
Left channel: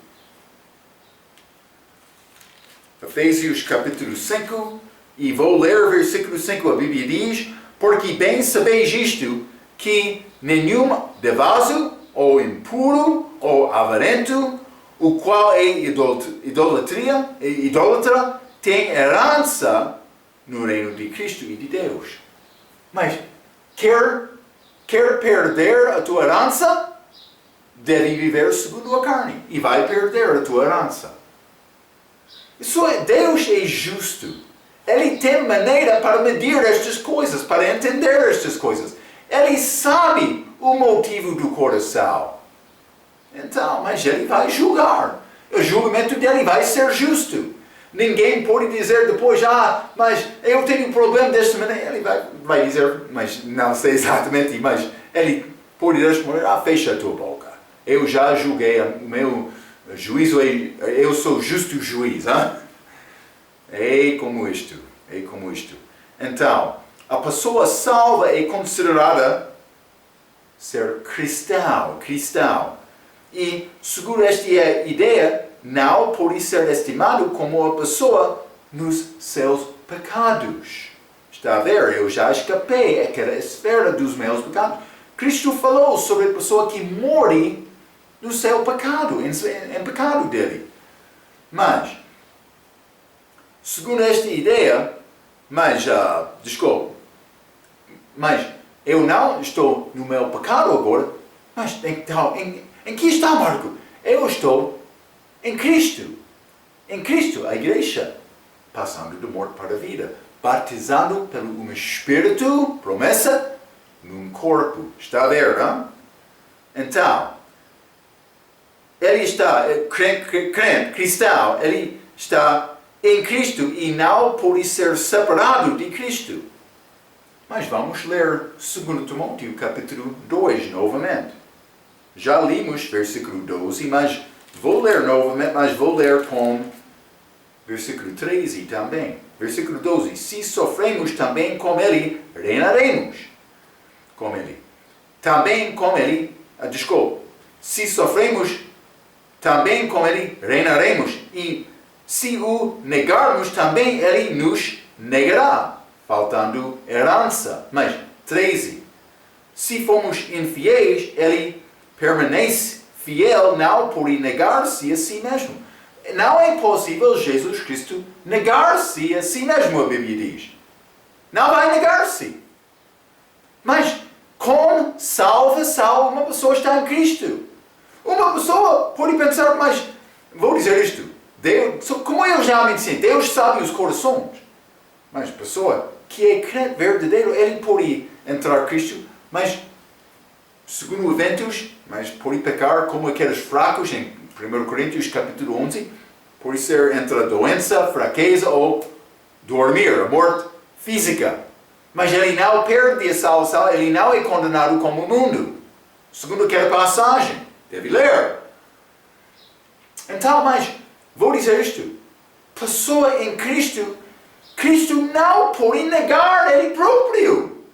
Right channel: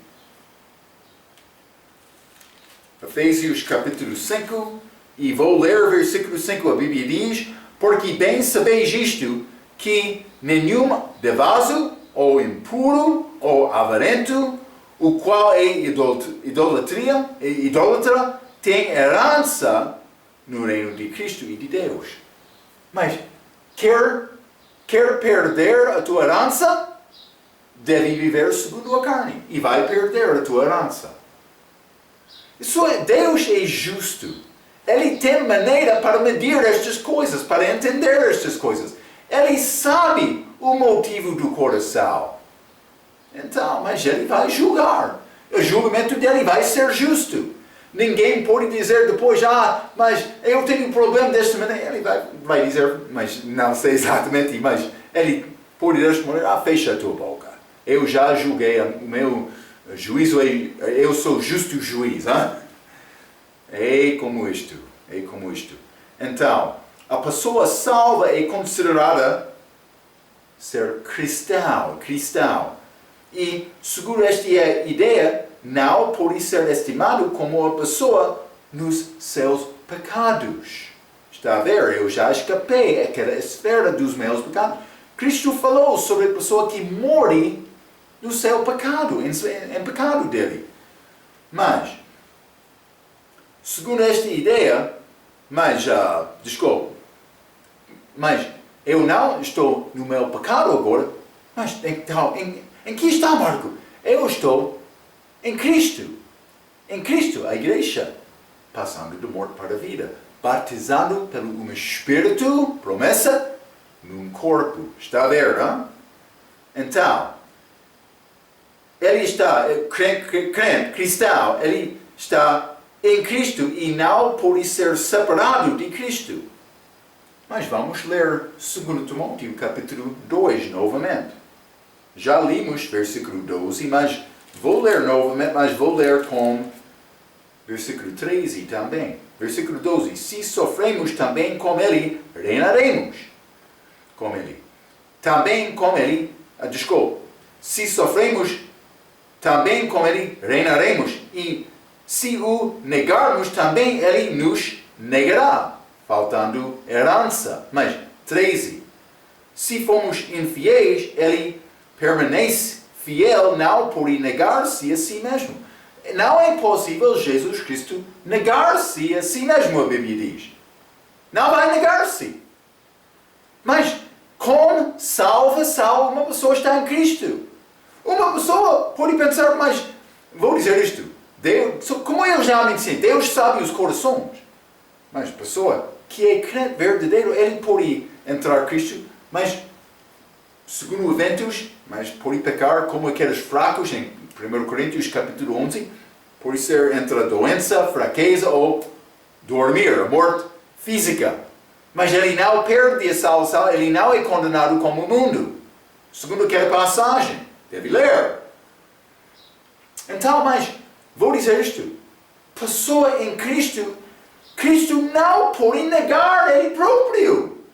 Efésios capítulo 5, e vou ler o versículo 5. A Bíblia diz, porque bem sabeis isto, que nenhum devaso, ou impuro, ou avarento, o qual é idólatra, tem herança no reino de Cristo e de Deus. Mas quer perder a tua herança? Deve viver segundo a carne e vai perder a tua herança. Deus é justo. Ele tem maneira para medir estas coisas, para entender estas coisas. Ele sabe o motivo do coração. Então, mas ele vai julgar. O julgamento dele vai ser justo. Ninguém pode dizer depois, mas eu tenho um problema desta maneira. Ele vai dizer, mas não sei exatamente, mas ele pode responder, fecha a tua boca. Eu já julguei, o meu juízo, eu sou justo juiz. É como isto. Então, a pessoa salva é considerada ser cristão. E, segundo esta ideia, não pode ser estimado como a pessoa nos seus pecados. Está a ver? Eu já escapei aquela esfera dos meus pecados. Cristo falou sobre a pessoa que morre no seu pecado, em pecado dele. Mas, segundo esta ideia, mas eu não estou no meu pecado agora, mas então, em que está, Marco? Eu estou em Cristo. Em Cristo, a igreja, passando de morte para a vida, batizado pelo um Espírito, promessa, num corpo. Está a ver, não? Então, ele está, crente, cristão, ele está em Cristo e não pode ser separado de Cristo. Mas vamos ler 2 Timóteo capítulo 2 novamente. Já limos versículo 12, mas vou ler novamente, mas vou ler com versículo 13 também. Versículo 12. Se sofremos também com ele, reinaremos com ele. Também com ele, se sofremos também com ele, reinaremos. E se o negarmos também, ele nos negará, faltando herança. Mas 13. Se fomos infiéis, ele permanece fiel, não por negar-se a si mesmo. Não é possível Jesus Cristo negar-se a si mesmo, a Bíblia diz. Não vai negar-se. Mas com salvação, uma pessoa está em Cristo. Uma pessoa pode pensar, mas vou dizer isto. Deus, como eu já me disse, Deus sabe os corações. Mas a pessoa que é crente verdadeiro, ele pode entrar em Cristo, mas segundo eventos, mas por pecar como aqueles fracos, em 1 Coríntios capítulo 11, por ser entre a doença, fraqueza ou dormir, a morte física. Mas ele não perde a salvação, ele não é condenado como o mundo. Segundo aquela passagem, deve ler. Então, mas, vou dizer isto. Pessoa em Cristo, Cristo não pode negar Ele próprio.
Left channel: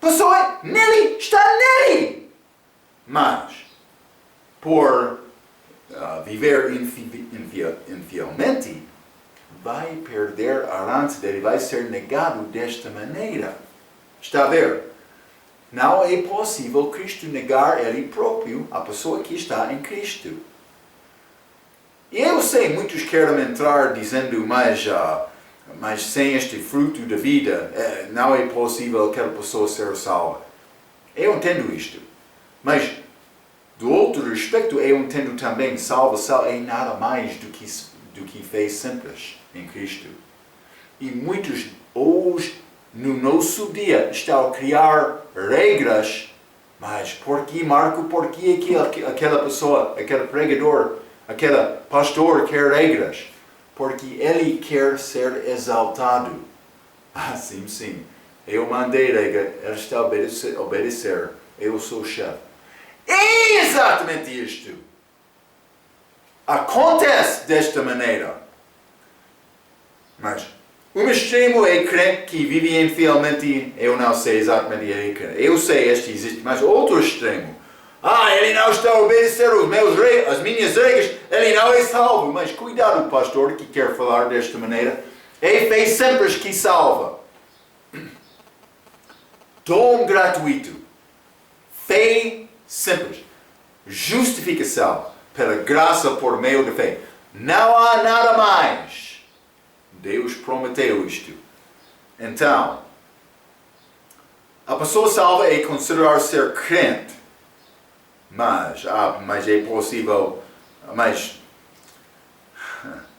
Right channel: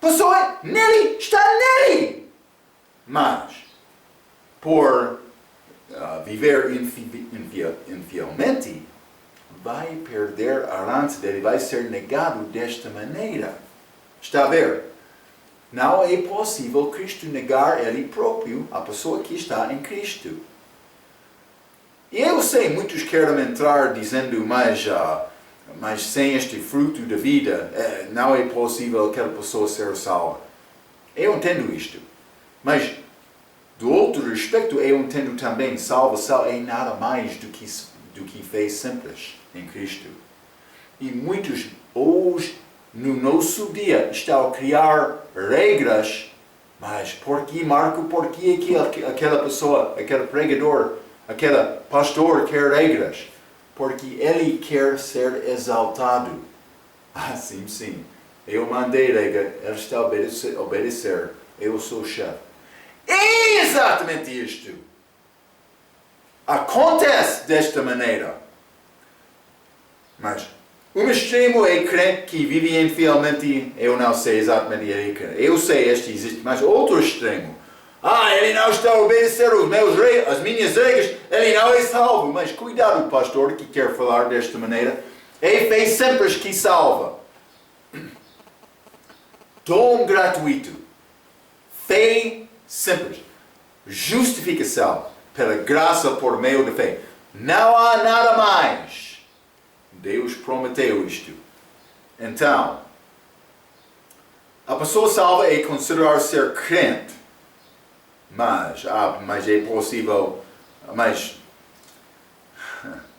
Pessoa nele, está nele. Mas, por viver infielmente, vai perder a herança dele, vai ser negado desta maneira. Está a ver? Não é possível Cristo negar Ele próprio, a pessoa que está em Cristo. E eu sei, muitos querem entrar dizendo, mas sem este fruto da vida, não é possível aquela pessoa ser salva. Eu entendo isto. Mas, do outro aspecto, eu entendo também, salvação é nada mais do que fez simples em Cristo. E muitos hoje, no nosso dia, estão a criar regras, mas por que, Marco, por que aquela pessoa, aquele pregador, aquele pastor quer regras? Porque ele quer ser exaltado. Sim. Eu mandei regra, ele está a obedecer. Eu sou o chefe. É exatamente isto. Acontece desta maneira. Mas um extremo é crente que vive infielmente. Eu não sei exatamente ele crente. Eu sei este existe, mas outro extremo. Ele não está a obedecer as minhas regras, ele não é salvo. Mas cuidado, pastor, que quer falar desta maneira. É fé simples que salva. Dom gratuito. Fé simples. Justificação pela graça por meio da fé. Não há nada mais. Deus prometeu isto. Então, a pessoa salva é considerar ser crente. Mas é possível, mas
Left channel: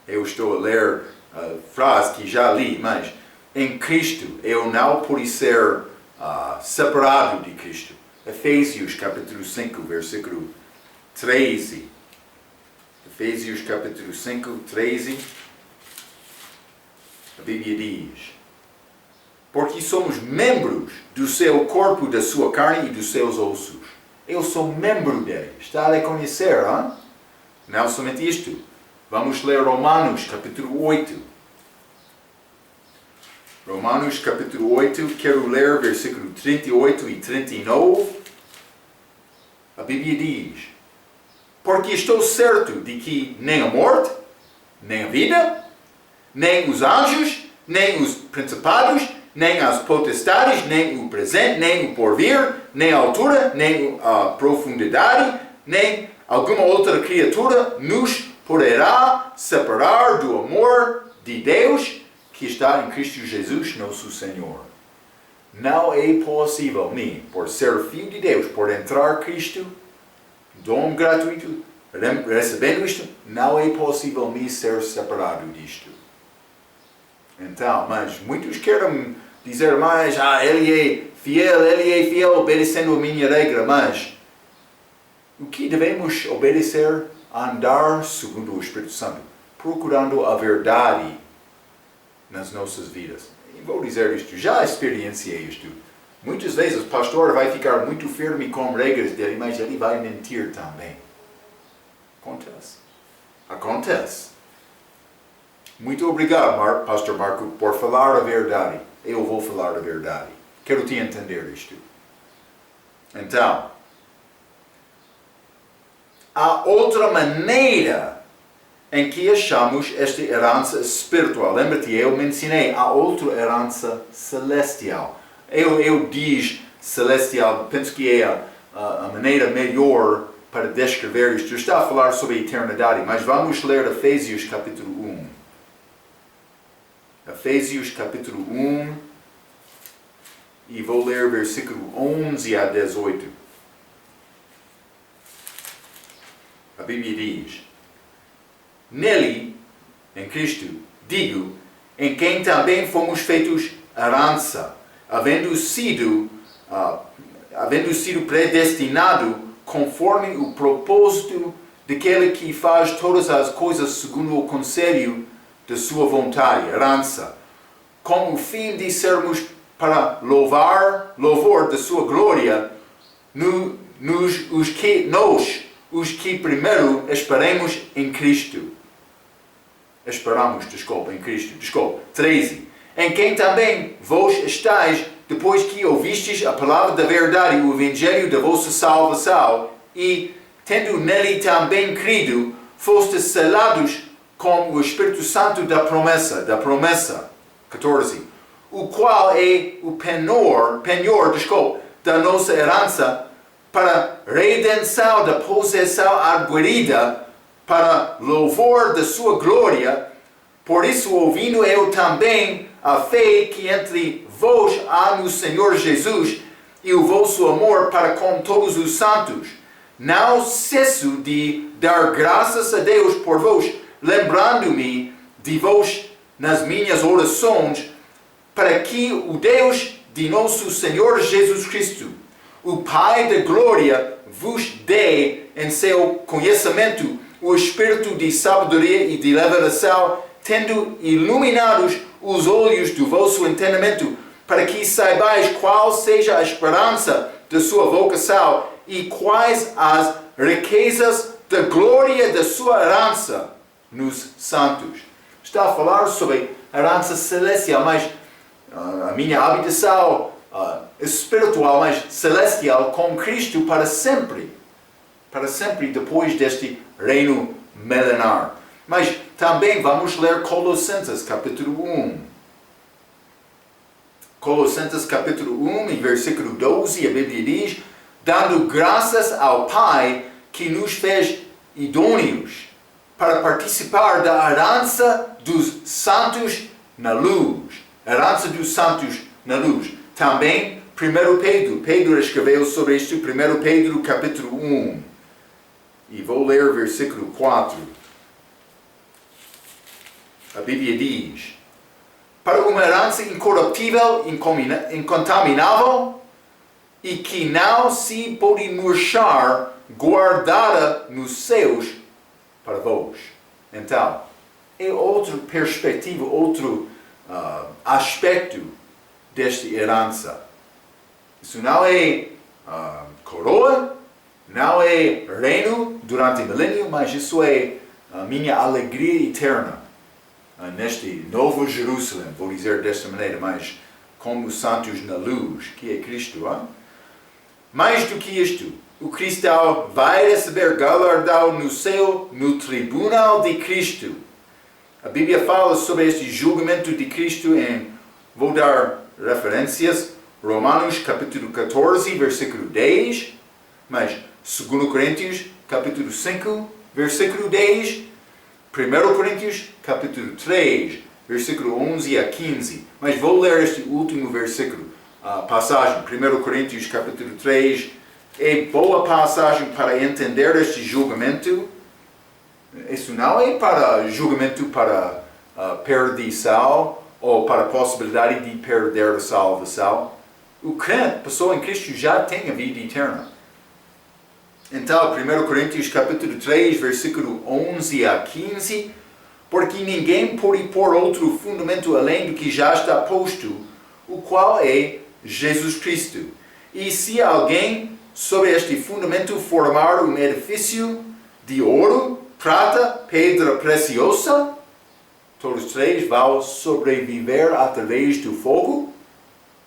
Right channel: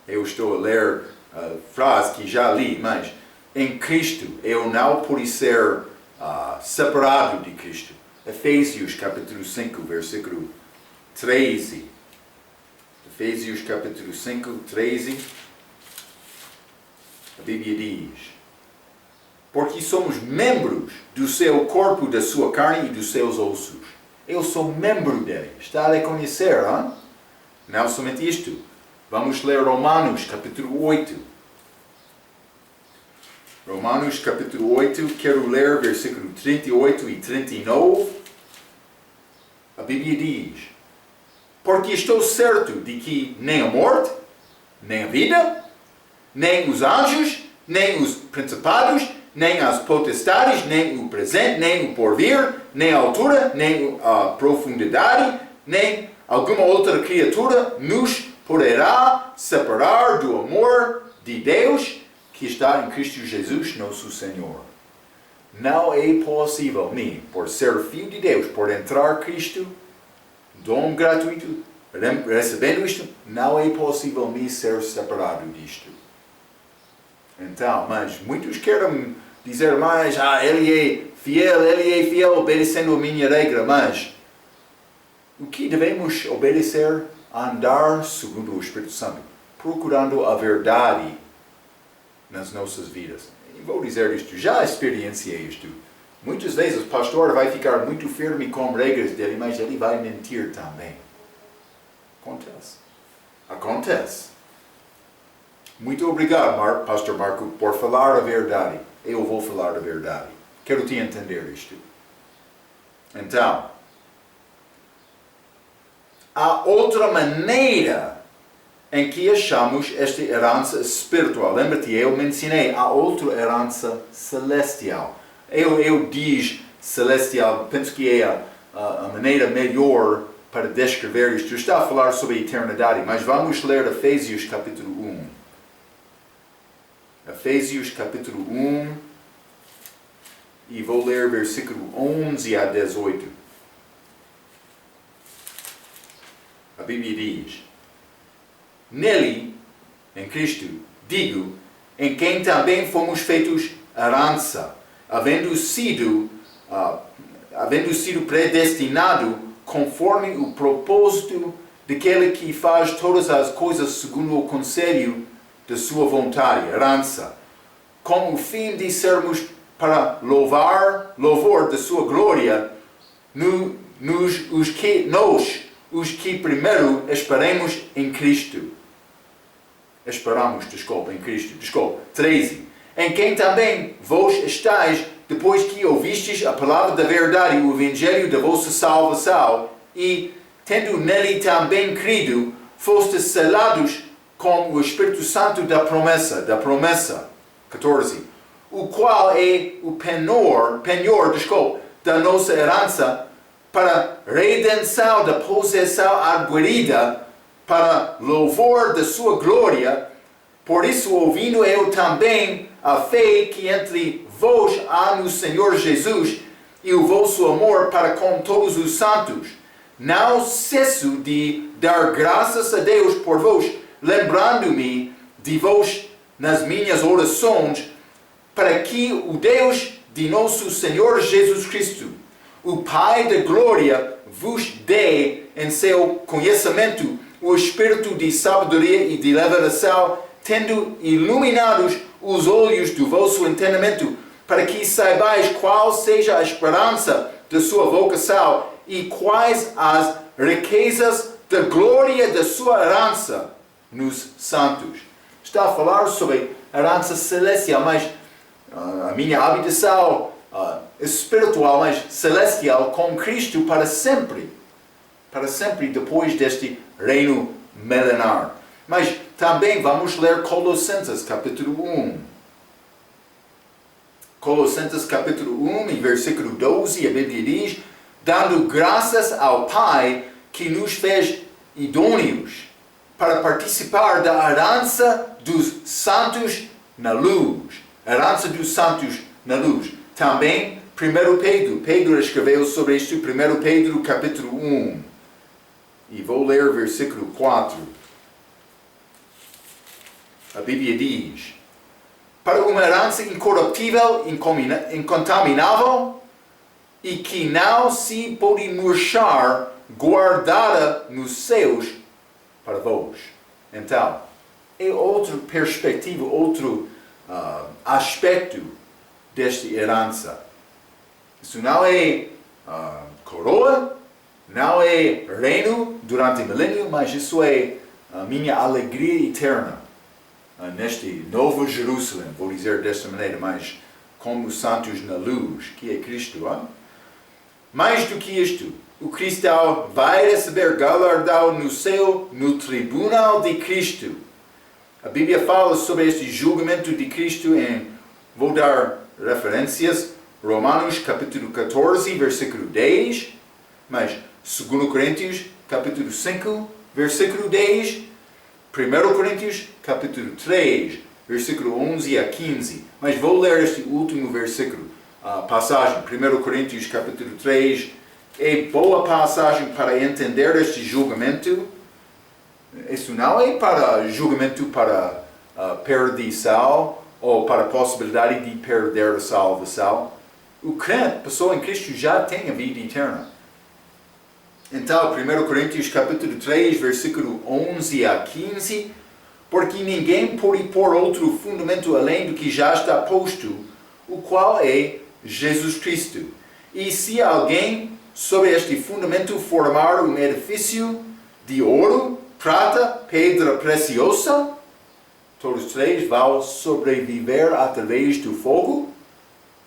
eu estou a ler a frase que já li, mas em Cristo eu não pude ser separado de Cristo. Efésios capítulo 5, versículo 13. Efésios capítulo 5, 13. A Bíblia diz: porque somos membros do seu corpo, da sua carne e dos seus ossos. Eu sou membro dele. Está a reconhecer, hein? Não somente isto. Vamos ler Romanos, capítulo 8. Romanos, capítulo 8. Quero ler versículo 38 e 39. A Bíblia diz: porque estou certo de que nem a morte, nem a vida, nem os anjos, nem os principados, nem as potestades, nem o presente, nem o porvir, nem a altura, nem a profundidade, nem alguma outra criatura nos poderá separar do amor de Deus que está em Cristo Jesus, nosso Senhor. Não é possível, nem por ser filho de Deus, por entrar Cristo, dom gratuito, recebendo isto, não é possível me ser separado disto. Então, mas muitos querem dizer mais, ele é fiel obedecendo a minha regra, mas o que devemos obedecer? Andar segundo o Espírito Santo, procurando a verdade nas nossas vidas. E vou dizer isto, já experienciei isto. Muitas vezes o pastor vai ficar muito firme com regras dele, mas ele vai mentir também. Acontece. Muito obrigado, Pastor Marco, por falar a verdade. Eu vou falar a verdade. Quero te entender isto. Então, há outra maneira em que achamos esta herança espiritual. Lembra-te, eu mencionei a outra herança celestial. Eu diz celestial, penso que é a maneira melhor para descrever isto. Está a falar sobre a eternidade, mas vamos ler Efésios capítulo 1. Efésios capítulo 1, e vou ler versículo 11 a 18. A Bíblia diz: nele, em Cristo, digo, em quem também fomos feitos herança, havendo sido havendo sido predestinado conforme o propósito daquele que faz todas as coisas segundo o conselho da sua vontade, herança, com o fim de sermos para louvor da sua glória, os que primeiro esperamos em Cristo. Em Cristo. 13. Em quem também vós estáis, depois que ouvistes a palavra da verdade, o evangelho da vossa salvação, e, tendo nele também crido, fostes selados com o Espírito Santo da promessa. 14. O qual é o penhor da nossa herança, para redenção da possessão adquirida, para louvor da sua glória. Por isso, ouvindo eu também a fé que entre vós há no Senhor Jesus e o vosso amor para com todos os santos, não cesso de dar graças a Deus por vós, lembrando-me de vós nas minhas orações, para que o Deus de nosso Senhor Jesus Cristo, o Pai da glória, vos dê em seu conhecimento o espírito de sabedoria e de revelação, tendo iluminados os olhos do vosso entendimento, para que saibais qual seja a esperança da sua vocação e quais as riquezas da glória da sua herança nos santos. Está a falar sobre a herança celestial, mas a minha habitação espiritual, mas celestial com Cristo para sempre depois deste reino milenar. Mas também vamos ler Colossenses capítulo 1. Colossenses capítulo 1 e versículo 12, a Bíblia diz: dando graças ao Pai que nos fez idôneos para participar da herança dos santos na luz. Herança dos santos na luz. Também 1 Pedro escreveu sobre isto, 1 Pedro capítulo 1. E vou ler o versículo 4. A Bíblia diz: para uma herança incorruptível, incontaminável, e que não se pode murchar, guardada nos céus para vós. Então, é outra perspectiva, outro aspecto desta herança. Isso não é coroa, não é reino durante o milênio, mas isso é a minha alegria eterna. Neste novo Jerusalém, vou dizer desta maneira, mas como os santos na luz, que é Cristo. Mais do que isto, o cristão vai receber galardão no céu, no tribunal de Cristo. A Bíblia fala sobre este julgamento de Cristo vou dar referências, Romanos capítulo 14, versículo 10, mas 2 Coríntios capítulo 5, versículo 10, 1 Coríntios capítulo 3, versículo 11 a 15. Mas vou ler este último versículo, passagem, 1 Coríntios capítulo 3. É boa passagem para entender este julgamento. Isso não é para julgamento para perdição ou para a possibilidade de perder a salvação. O crente, pessoa em Cristo, já tem a vida eterna. Então, 1 Coríntios capítulo 3, versículo 11 a 15, porque ninguém pode pôr outro fundamento além do que já está posto, o qual é Jesus Cristo. E se alguém sobre este fundamento formar um edifício de ouro, prata, pedra preciosa, todos três vão sobreviver através do fogo.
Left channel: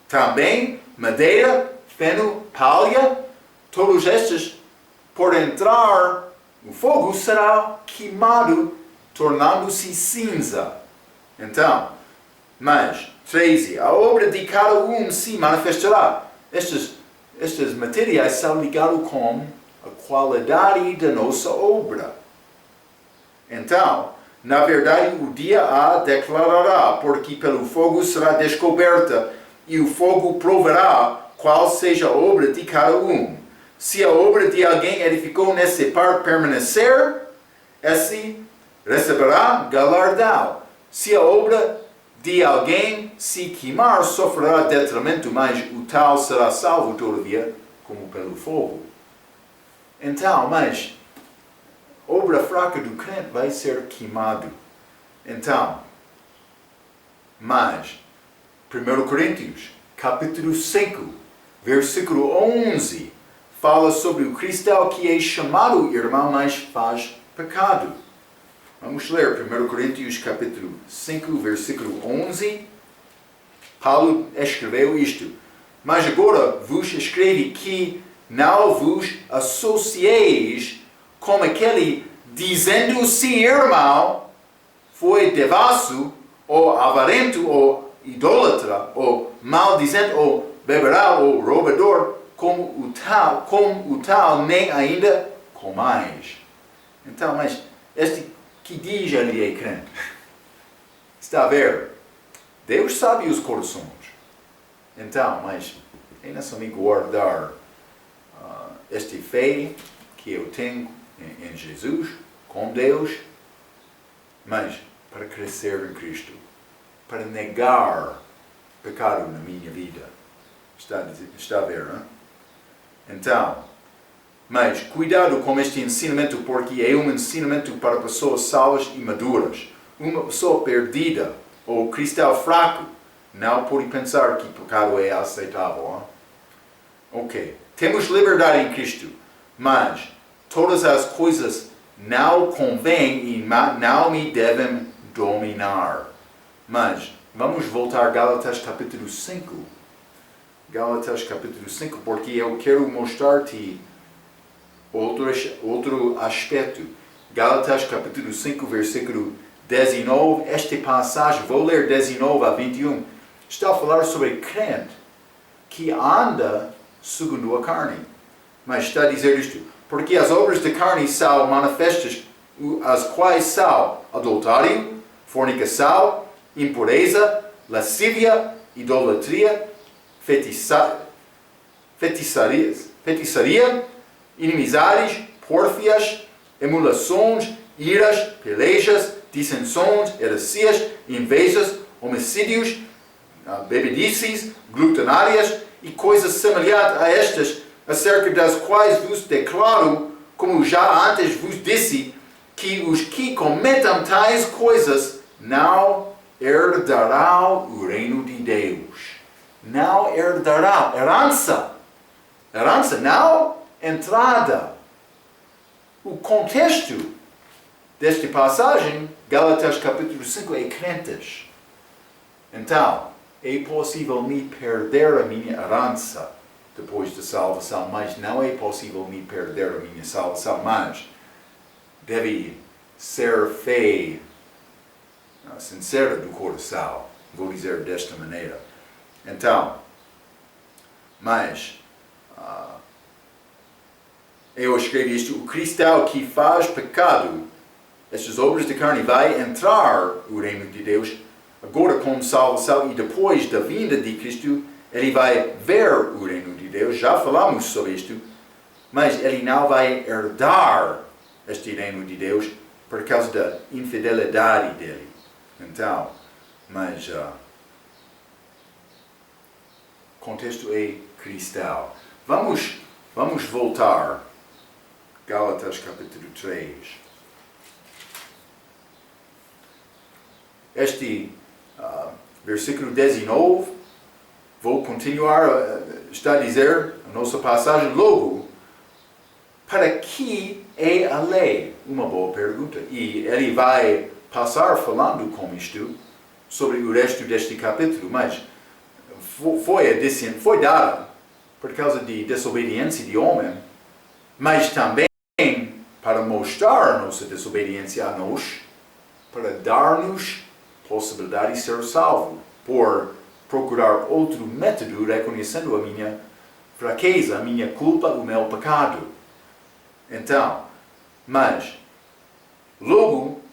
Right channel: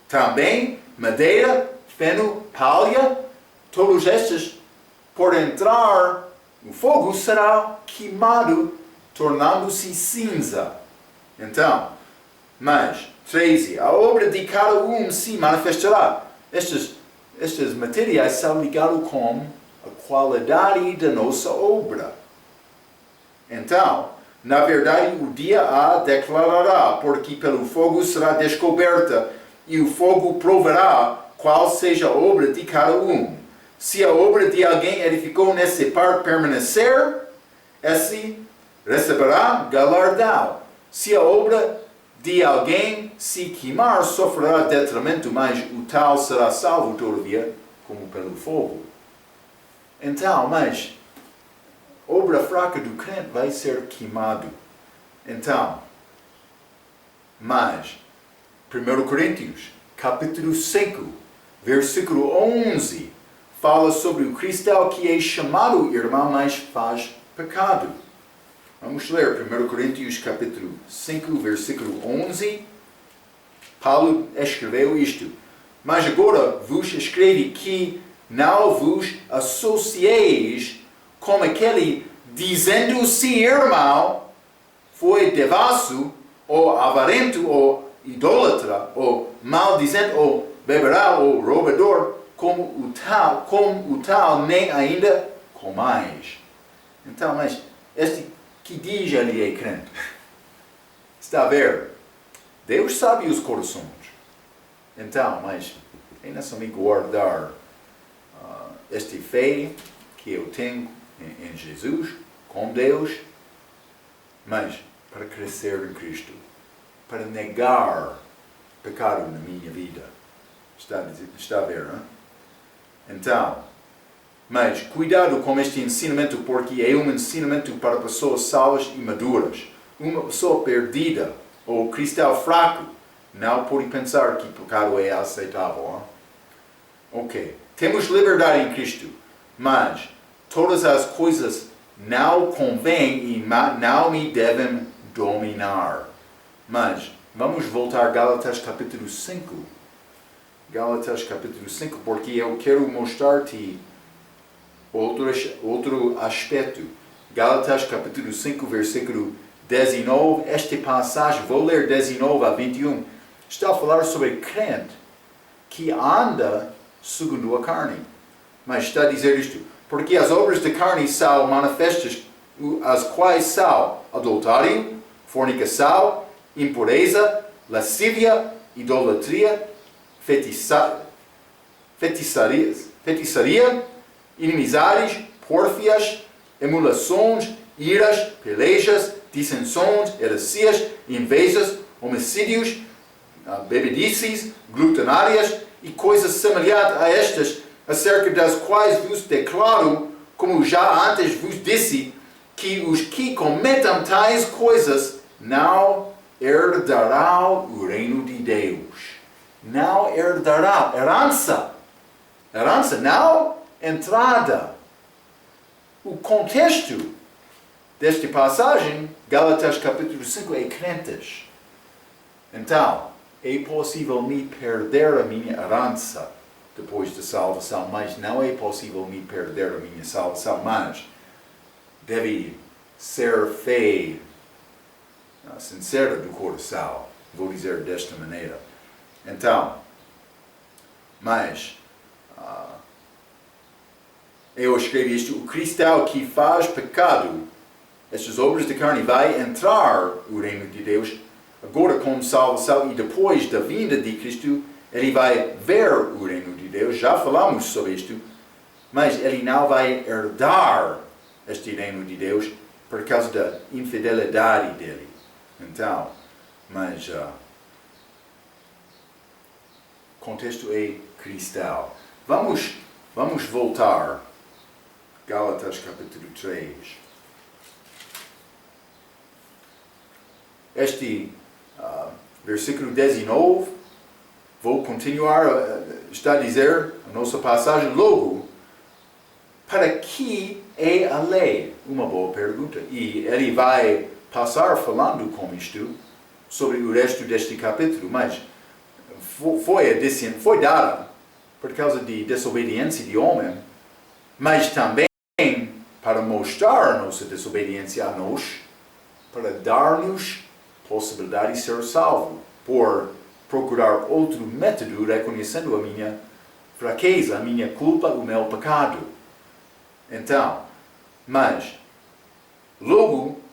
Também madeira, feno, palha, todos estes, por entrar no fogo, será queimado, tornando-se cinza. Então, mas, 13, a obra de cada um se manifestará. Estes materiais são ligados com a qualidade da nossa obra. Então, na verdade, o dia a declarará, porque pelo fogo será descoberta, e o fogo provará qual seja a obra de cada um. Se a obra de alguém edificou nesse par permanecer, esse receberá galardão. Se a obra de alguém se queimar, sofrerá detrimento, mas o tal será salvo todavia, como pelo fogo. Então, mas obra fraca do crente vai ser queimado. Então, mas 1 Coríntios, capítulo 5, versículo 11, fala sobre o cristão que é chamado irmão, mas faz pecado. Vamos ler 1 Coríntios, capítulo 5, versículo 11. Paulo escreveu isto: mas agora vos escrevi que não vos associeis com aquele dizendo-se irmão, foi devasso, ou avarento, ou idólatra, ou maldizente, ou beberá, ou roubador, como o tal nem ainda comais. Então, mas este que diz ele é crente, está a ver? Deus sabe os corações. Então, mas é necessário guardar esta fé que eu tenho em Jesus, com Deus, mas para crescer em Cristo, para negar pecado na minha vida. Está a ver, hein? Então, mas cuidado com este ensinamento, porque é um ensinamento para pessoas salvas e maduras. Uma pessoa perdida ou cristão fraco não pode pensar que pecado é aceitável. Hein? Ok. Temos liberdade em Cristo, mas todas as coisas não convêm e não me devem dominar. Mas vamos voltar a Gálatas capítulo 5. Gálatas capítulo 5, porque eu quero mostrar-te outro aspecto. Gálatas capítulo 5, versículo 19. Esta passagem, vou ler 19 a 21. Está a falar sobre crente que anda segundo a carne. Mas está a dizer isto: porque as obras da carne são manifestas, as quais são adultério, fornicação, impureza, lascívia, idolatria, feitiçaria, inimizades, pórfias, emulações, iras, pelejas, dissensões, heresias, invejas, homicídios, bebedices, glutanárias e coisas semelhantes a estas, acerca das quais vos declaro, como já antes vos disse, que os que cometam tais coisas não herdarão o reino de Deus. Não herdarão. Herança. Herança, não entrada. O contexto desta passagem, Gálatas capítulo 5, é crentes. Então, é possível me perder a minha herança depois da salvação, mas não é possível me perder a minha salvação, mas deve ser fé sincera do coração, vou dizer desta maneira. Então, mas eu escrevi isto: o cristão que faz pecado, estas obras de carne, vai entrar no reino de Deus agora com salvação, e depois da vinda de Cristo ele vai ver o reino de Deus. Já falamos sobre isto, mas ele não vai herdar este reino de Deus por causa da infidelidade dele. Então, mas contexto é cristão. Vamos voltar. Gálatas capítulo 3. Este versículo 19, vou continuar, está a dizer a nossa passagem: logo, para que é a lei? Uma boa pergunta. E ele vai passar falando com isto sobre o resto deste capítulo, mas foi dada por causa de desobediência de homem, mas também para mostrar a nossa desobediência a nós, para dar-nos possibilidade de ser salvo, por procurar outro método, reconhecendo a minha fraqueza, a minha culpa, o meu pecado. Então, mas, logo,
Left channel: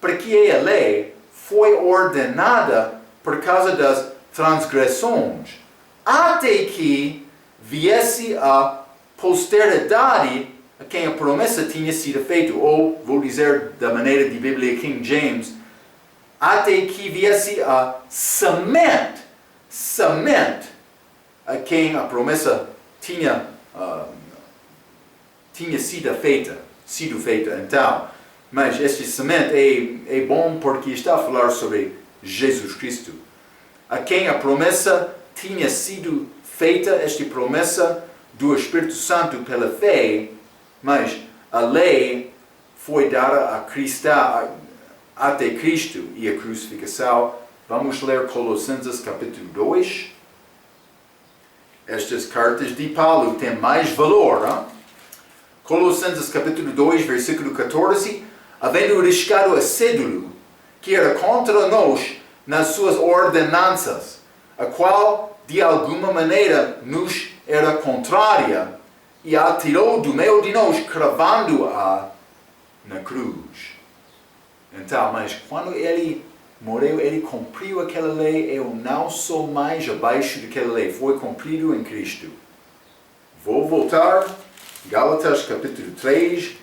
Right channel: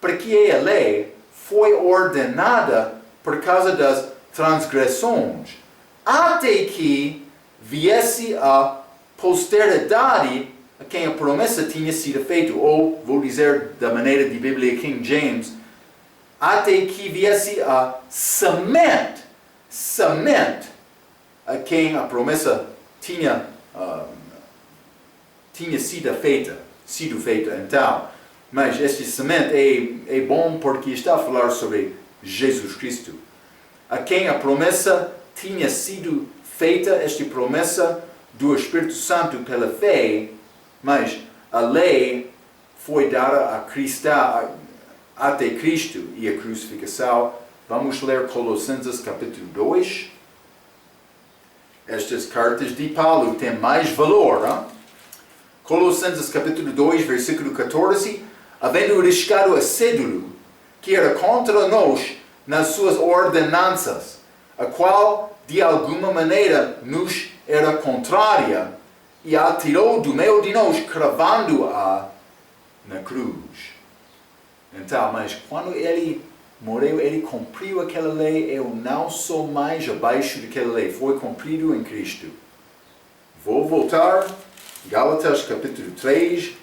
para que a lei foi ordenada por causa das transgressões, até que viesse a posteridade a quem a promessa tinha sido feita, ou, vou dizer da maneira de Bíblia King James, até que viesse a semente a quem a promessa tinha tinha sido feita. Então, mas este semente é bom porque está a falar sobre Jesus Cristo, a quem a promessa tinha sido feita, esta promessa do Espírito Santo pela fé, mas a lei foi dada a Cristo, até Cristo e a crucificação. Vamos ler Colossenses capítulo 2. Estas cartas de Paulo têm mais valor. Hein? Colossenses capítulo 2, versículo 14. Havendo riscado a cédula que era contra nós nas suas ordenanças, a qual de alguma maneira nos era contrária, e a tirou do meio de nós, cravando-a na cruz. Então, mas quando ele morreu, ele cumpriu aquela lei. Eu não sou mais abaixo daquela lei. Foi cumprido em Cristo. Vou voltar. Gálatas capítulo 3,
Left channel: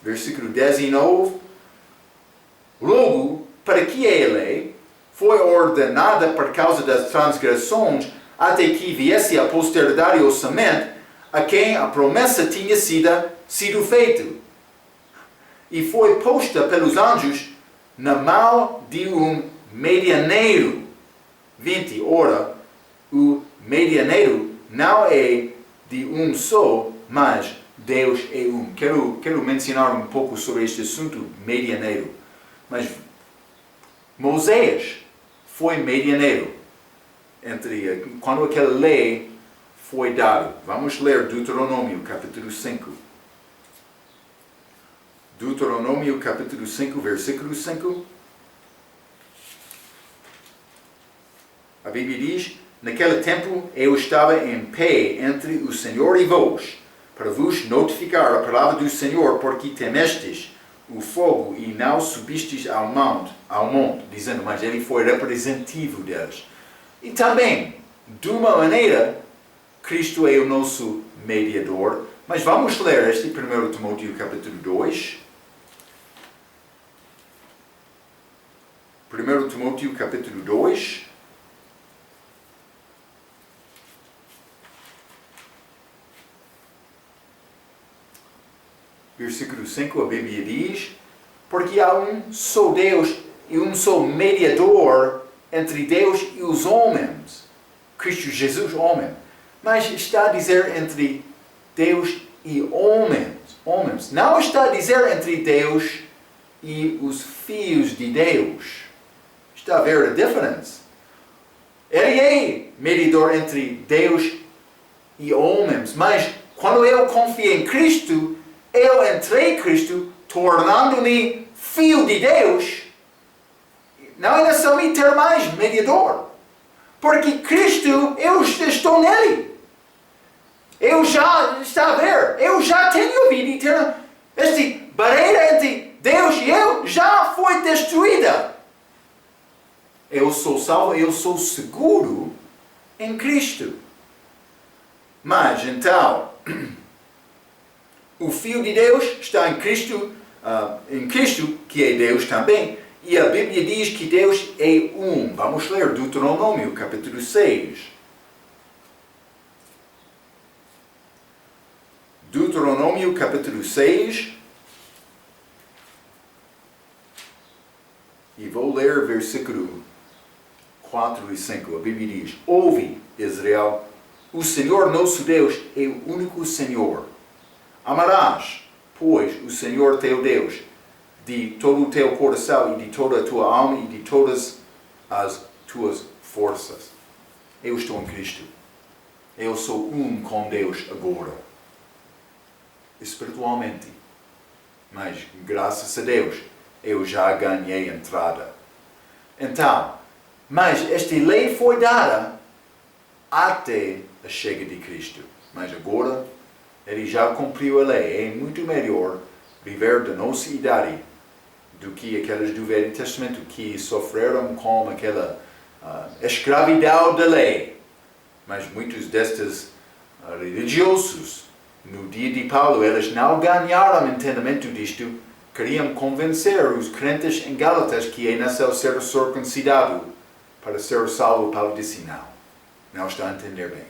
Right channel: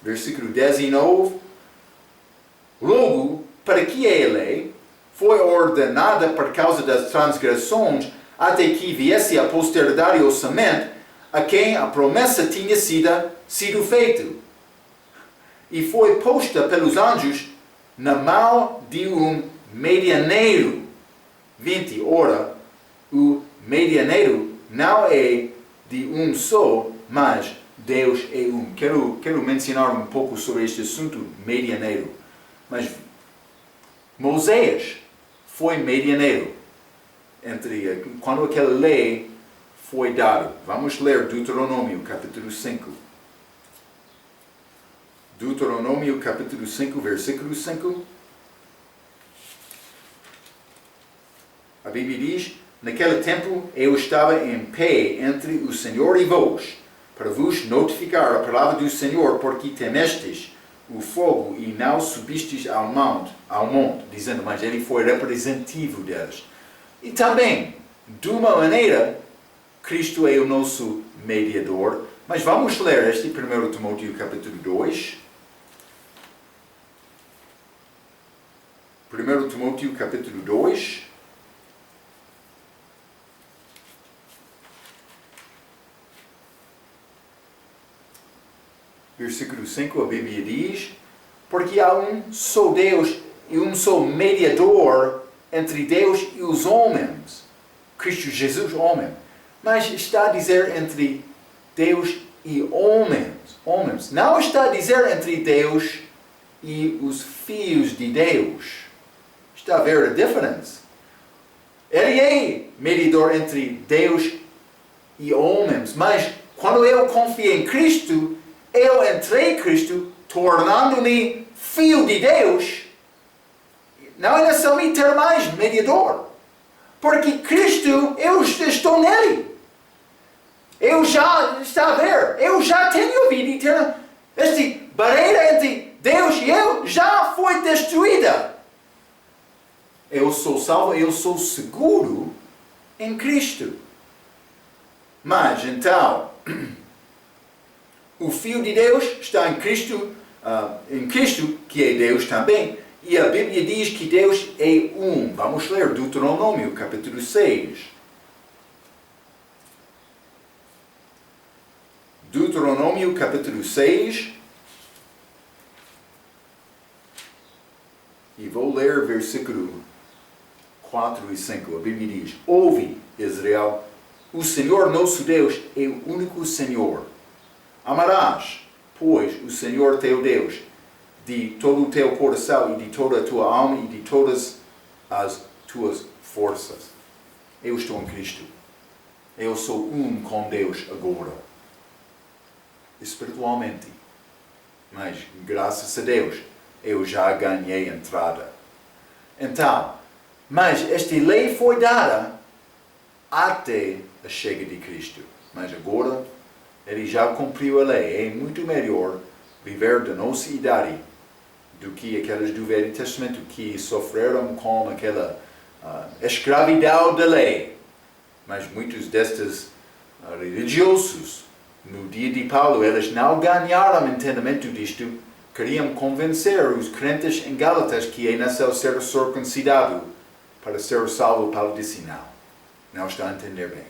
versículo 19. Logo, para que a lei foi ordenada por causa das transgressões, até que viesse a posteridade ou semente, a quem a promessa tinha sido feita. E foi posta pelos anjos na mão de um medianeiro. 20. Ora, o medianeiro não é de um só, mas Deus é um. Quero mencionar um pouco sobre este assunto, medianeiro. Mas Moisés foi medianeiro quando aquela lei foi dada. Vamos ler Deuteronômio capítulo 5. Deuteronômio capítulo 5, versículo 5. A Bíblia diz: naquele tempo eu estava em pé entre o Senhor e vós, para vos notificar a palavra do Senhor, porque temestes o fogo e não subistes ao monte, dizendo, mas ele foi representativo deles. E também, de uma maneira, Cristo é o nosso mediador. Mas vamos ler este 1 Timóteo capítulo 2. 1 Timóteo capítulo 2. Versículo 5, a Bíblia diz: porque há um só Deus e um só mediador entre Deus e os homens, Cristo Jesus, homem. Mas está a dizer entre Deus e homens. Não está a dizer entre Deus e os filhos de Deus. Está a ver a diferença? Ele é mediador entre Deus e homens, mas quando eu confio em Cristo, eu entrei em Cristo, tornando-me filho de Deus. Não é necessário ter mais mediador. Porque Cristo, eu estou nele. Eu já está a ver. Eu já tenho vida eterna. Esta barreira entre Deus e eu já foi destruída. Eu sou salvo, eu sou seguro em Cristo. Mas então, o Filho de Deus está em Cristo, que é Deus também. E a Bíblia diz que Deus é um. Vamos ler Deuteronômio, capítulo 6. Deuteronômio, capítulo 6. E vou ler versículo 4 e 5. A Bíblia diz: ouve, Israel, o Senhor nosso Deus é o único Senhor. Amarás, pois, o Senhor teu Deus de todo o teu coração e de toda a tua alma e de todas as tuas forças. Eu estou em Cristo. Eu sou um com Deus agora. Espiritualmente. Mas, graças a Deus, eu já ganhei entrada. Então, mas esta lei foi dada até a chegada de Cristo. Mas agora, ele já cumpriu a lei. É muito melhor viver da nossa idade do que aqueles do Velho Testamento que sofreram com aquela escravidão da lei. Mas muitos destes religiosos, no dia de Paulo, eles não ganharam entendimento disto. Queriam convencer os crentes em Gálatas que é necessário ser circuncidado para ser salvo. Paulo disse não. Não está a entender bem.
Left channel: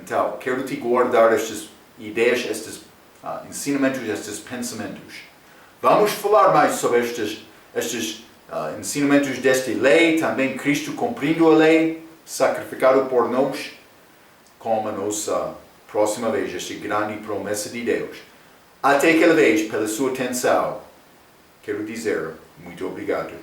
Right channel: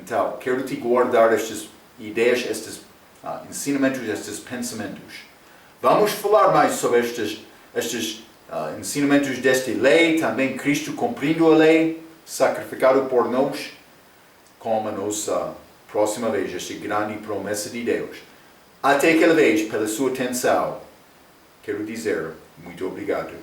Então, quero te guardar estas ideias, estes ensinamentos, estes pensamentos. Vamos falar mais sobre estes ensinamentos desta lei, também Cristo cumprindo a lei, sacrificado por nós, como a nossa próxima vez, esta grande promessa de Deus. Até aquela vez, pela sua atenção, quero dizer muito obrigado.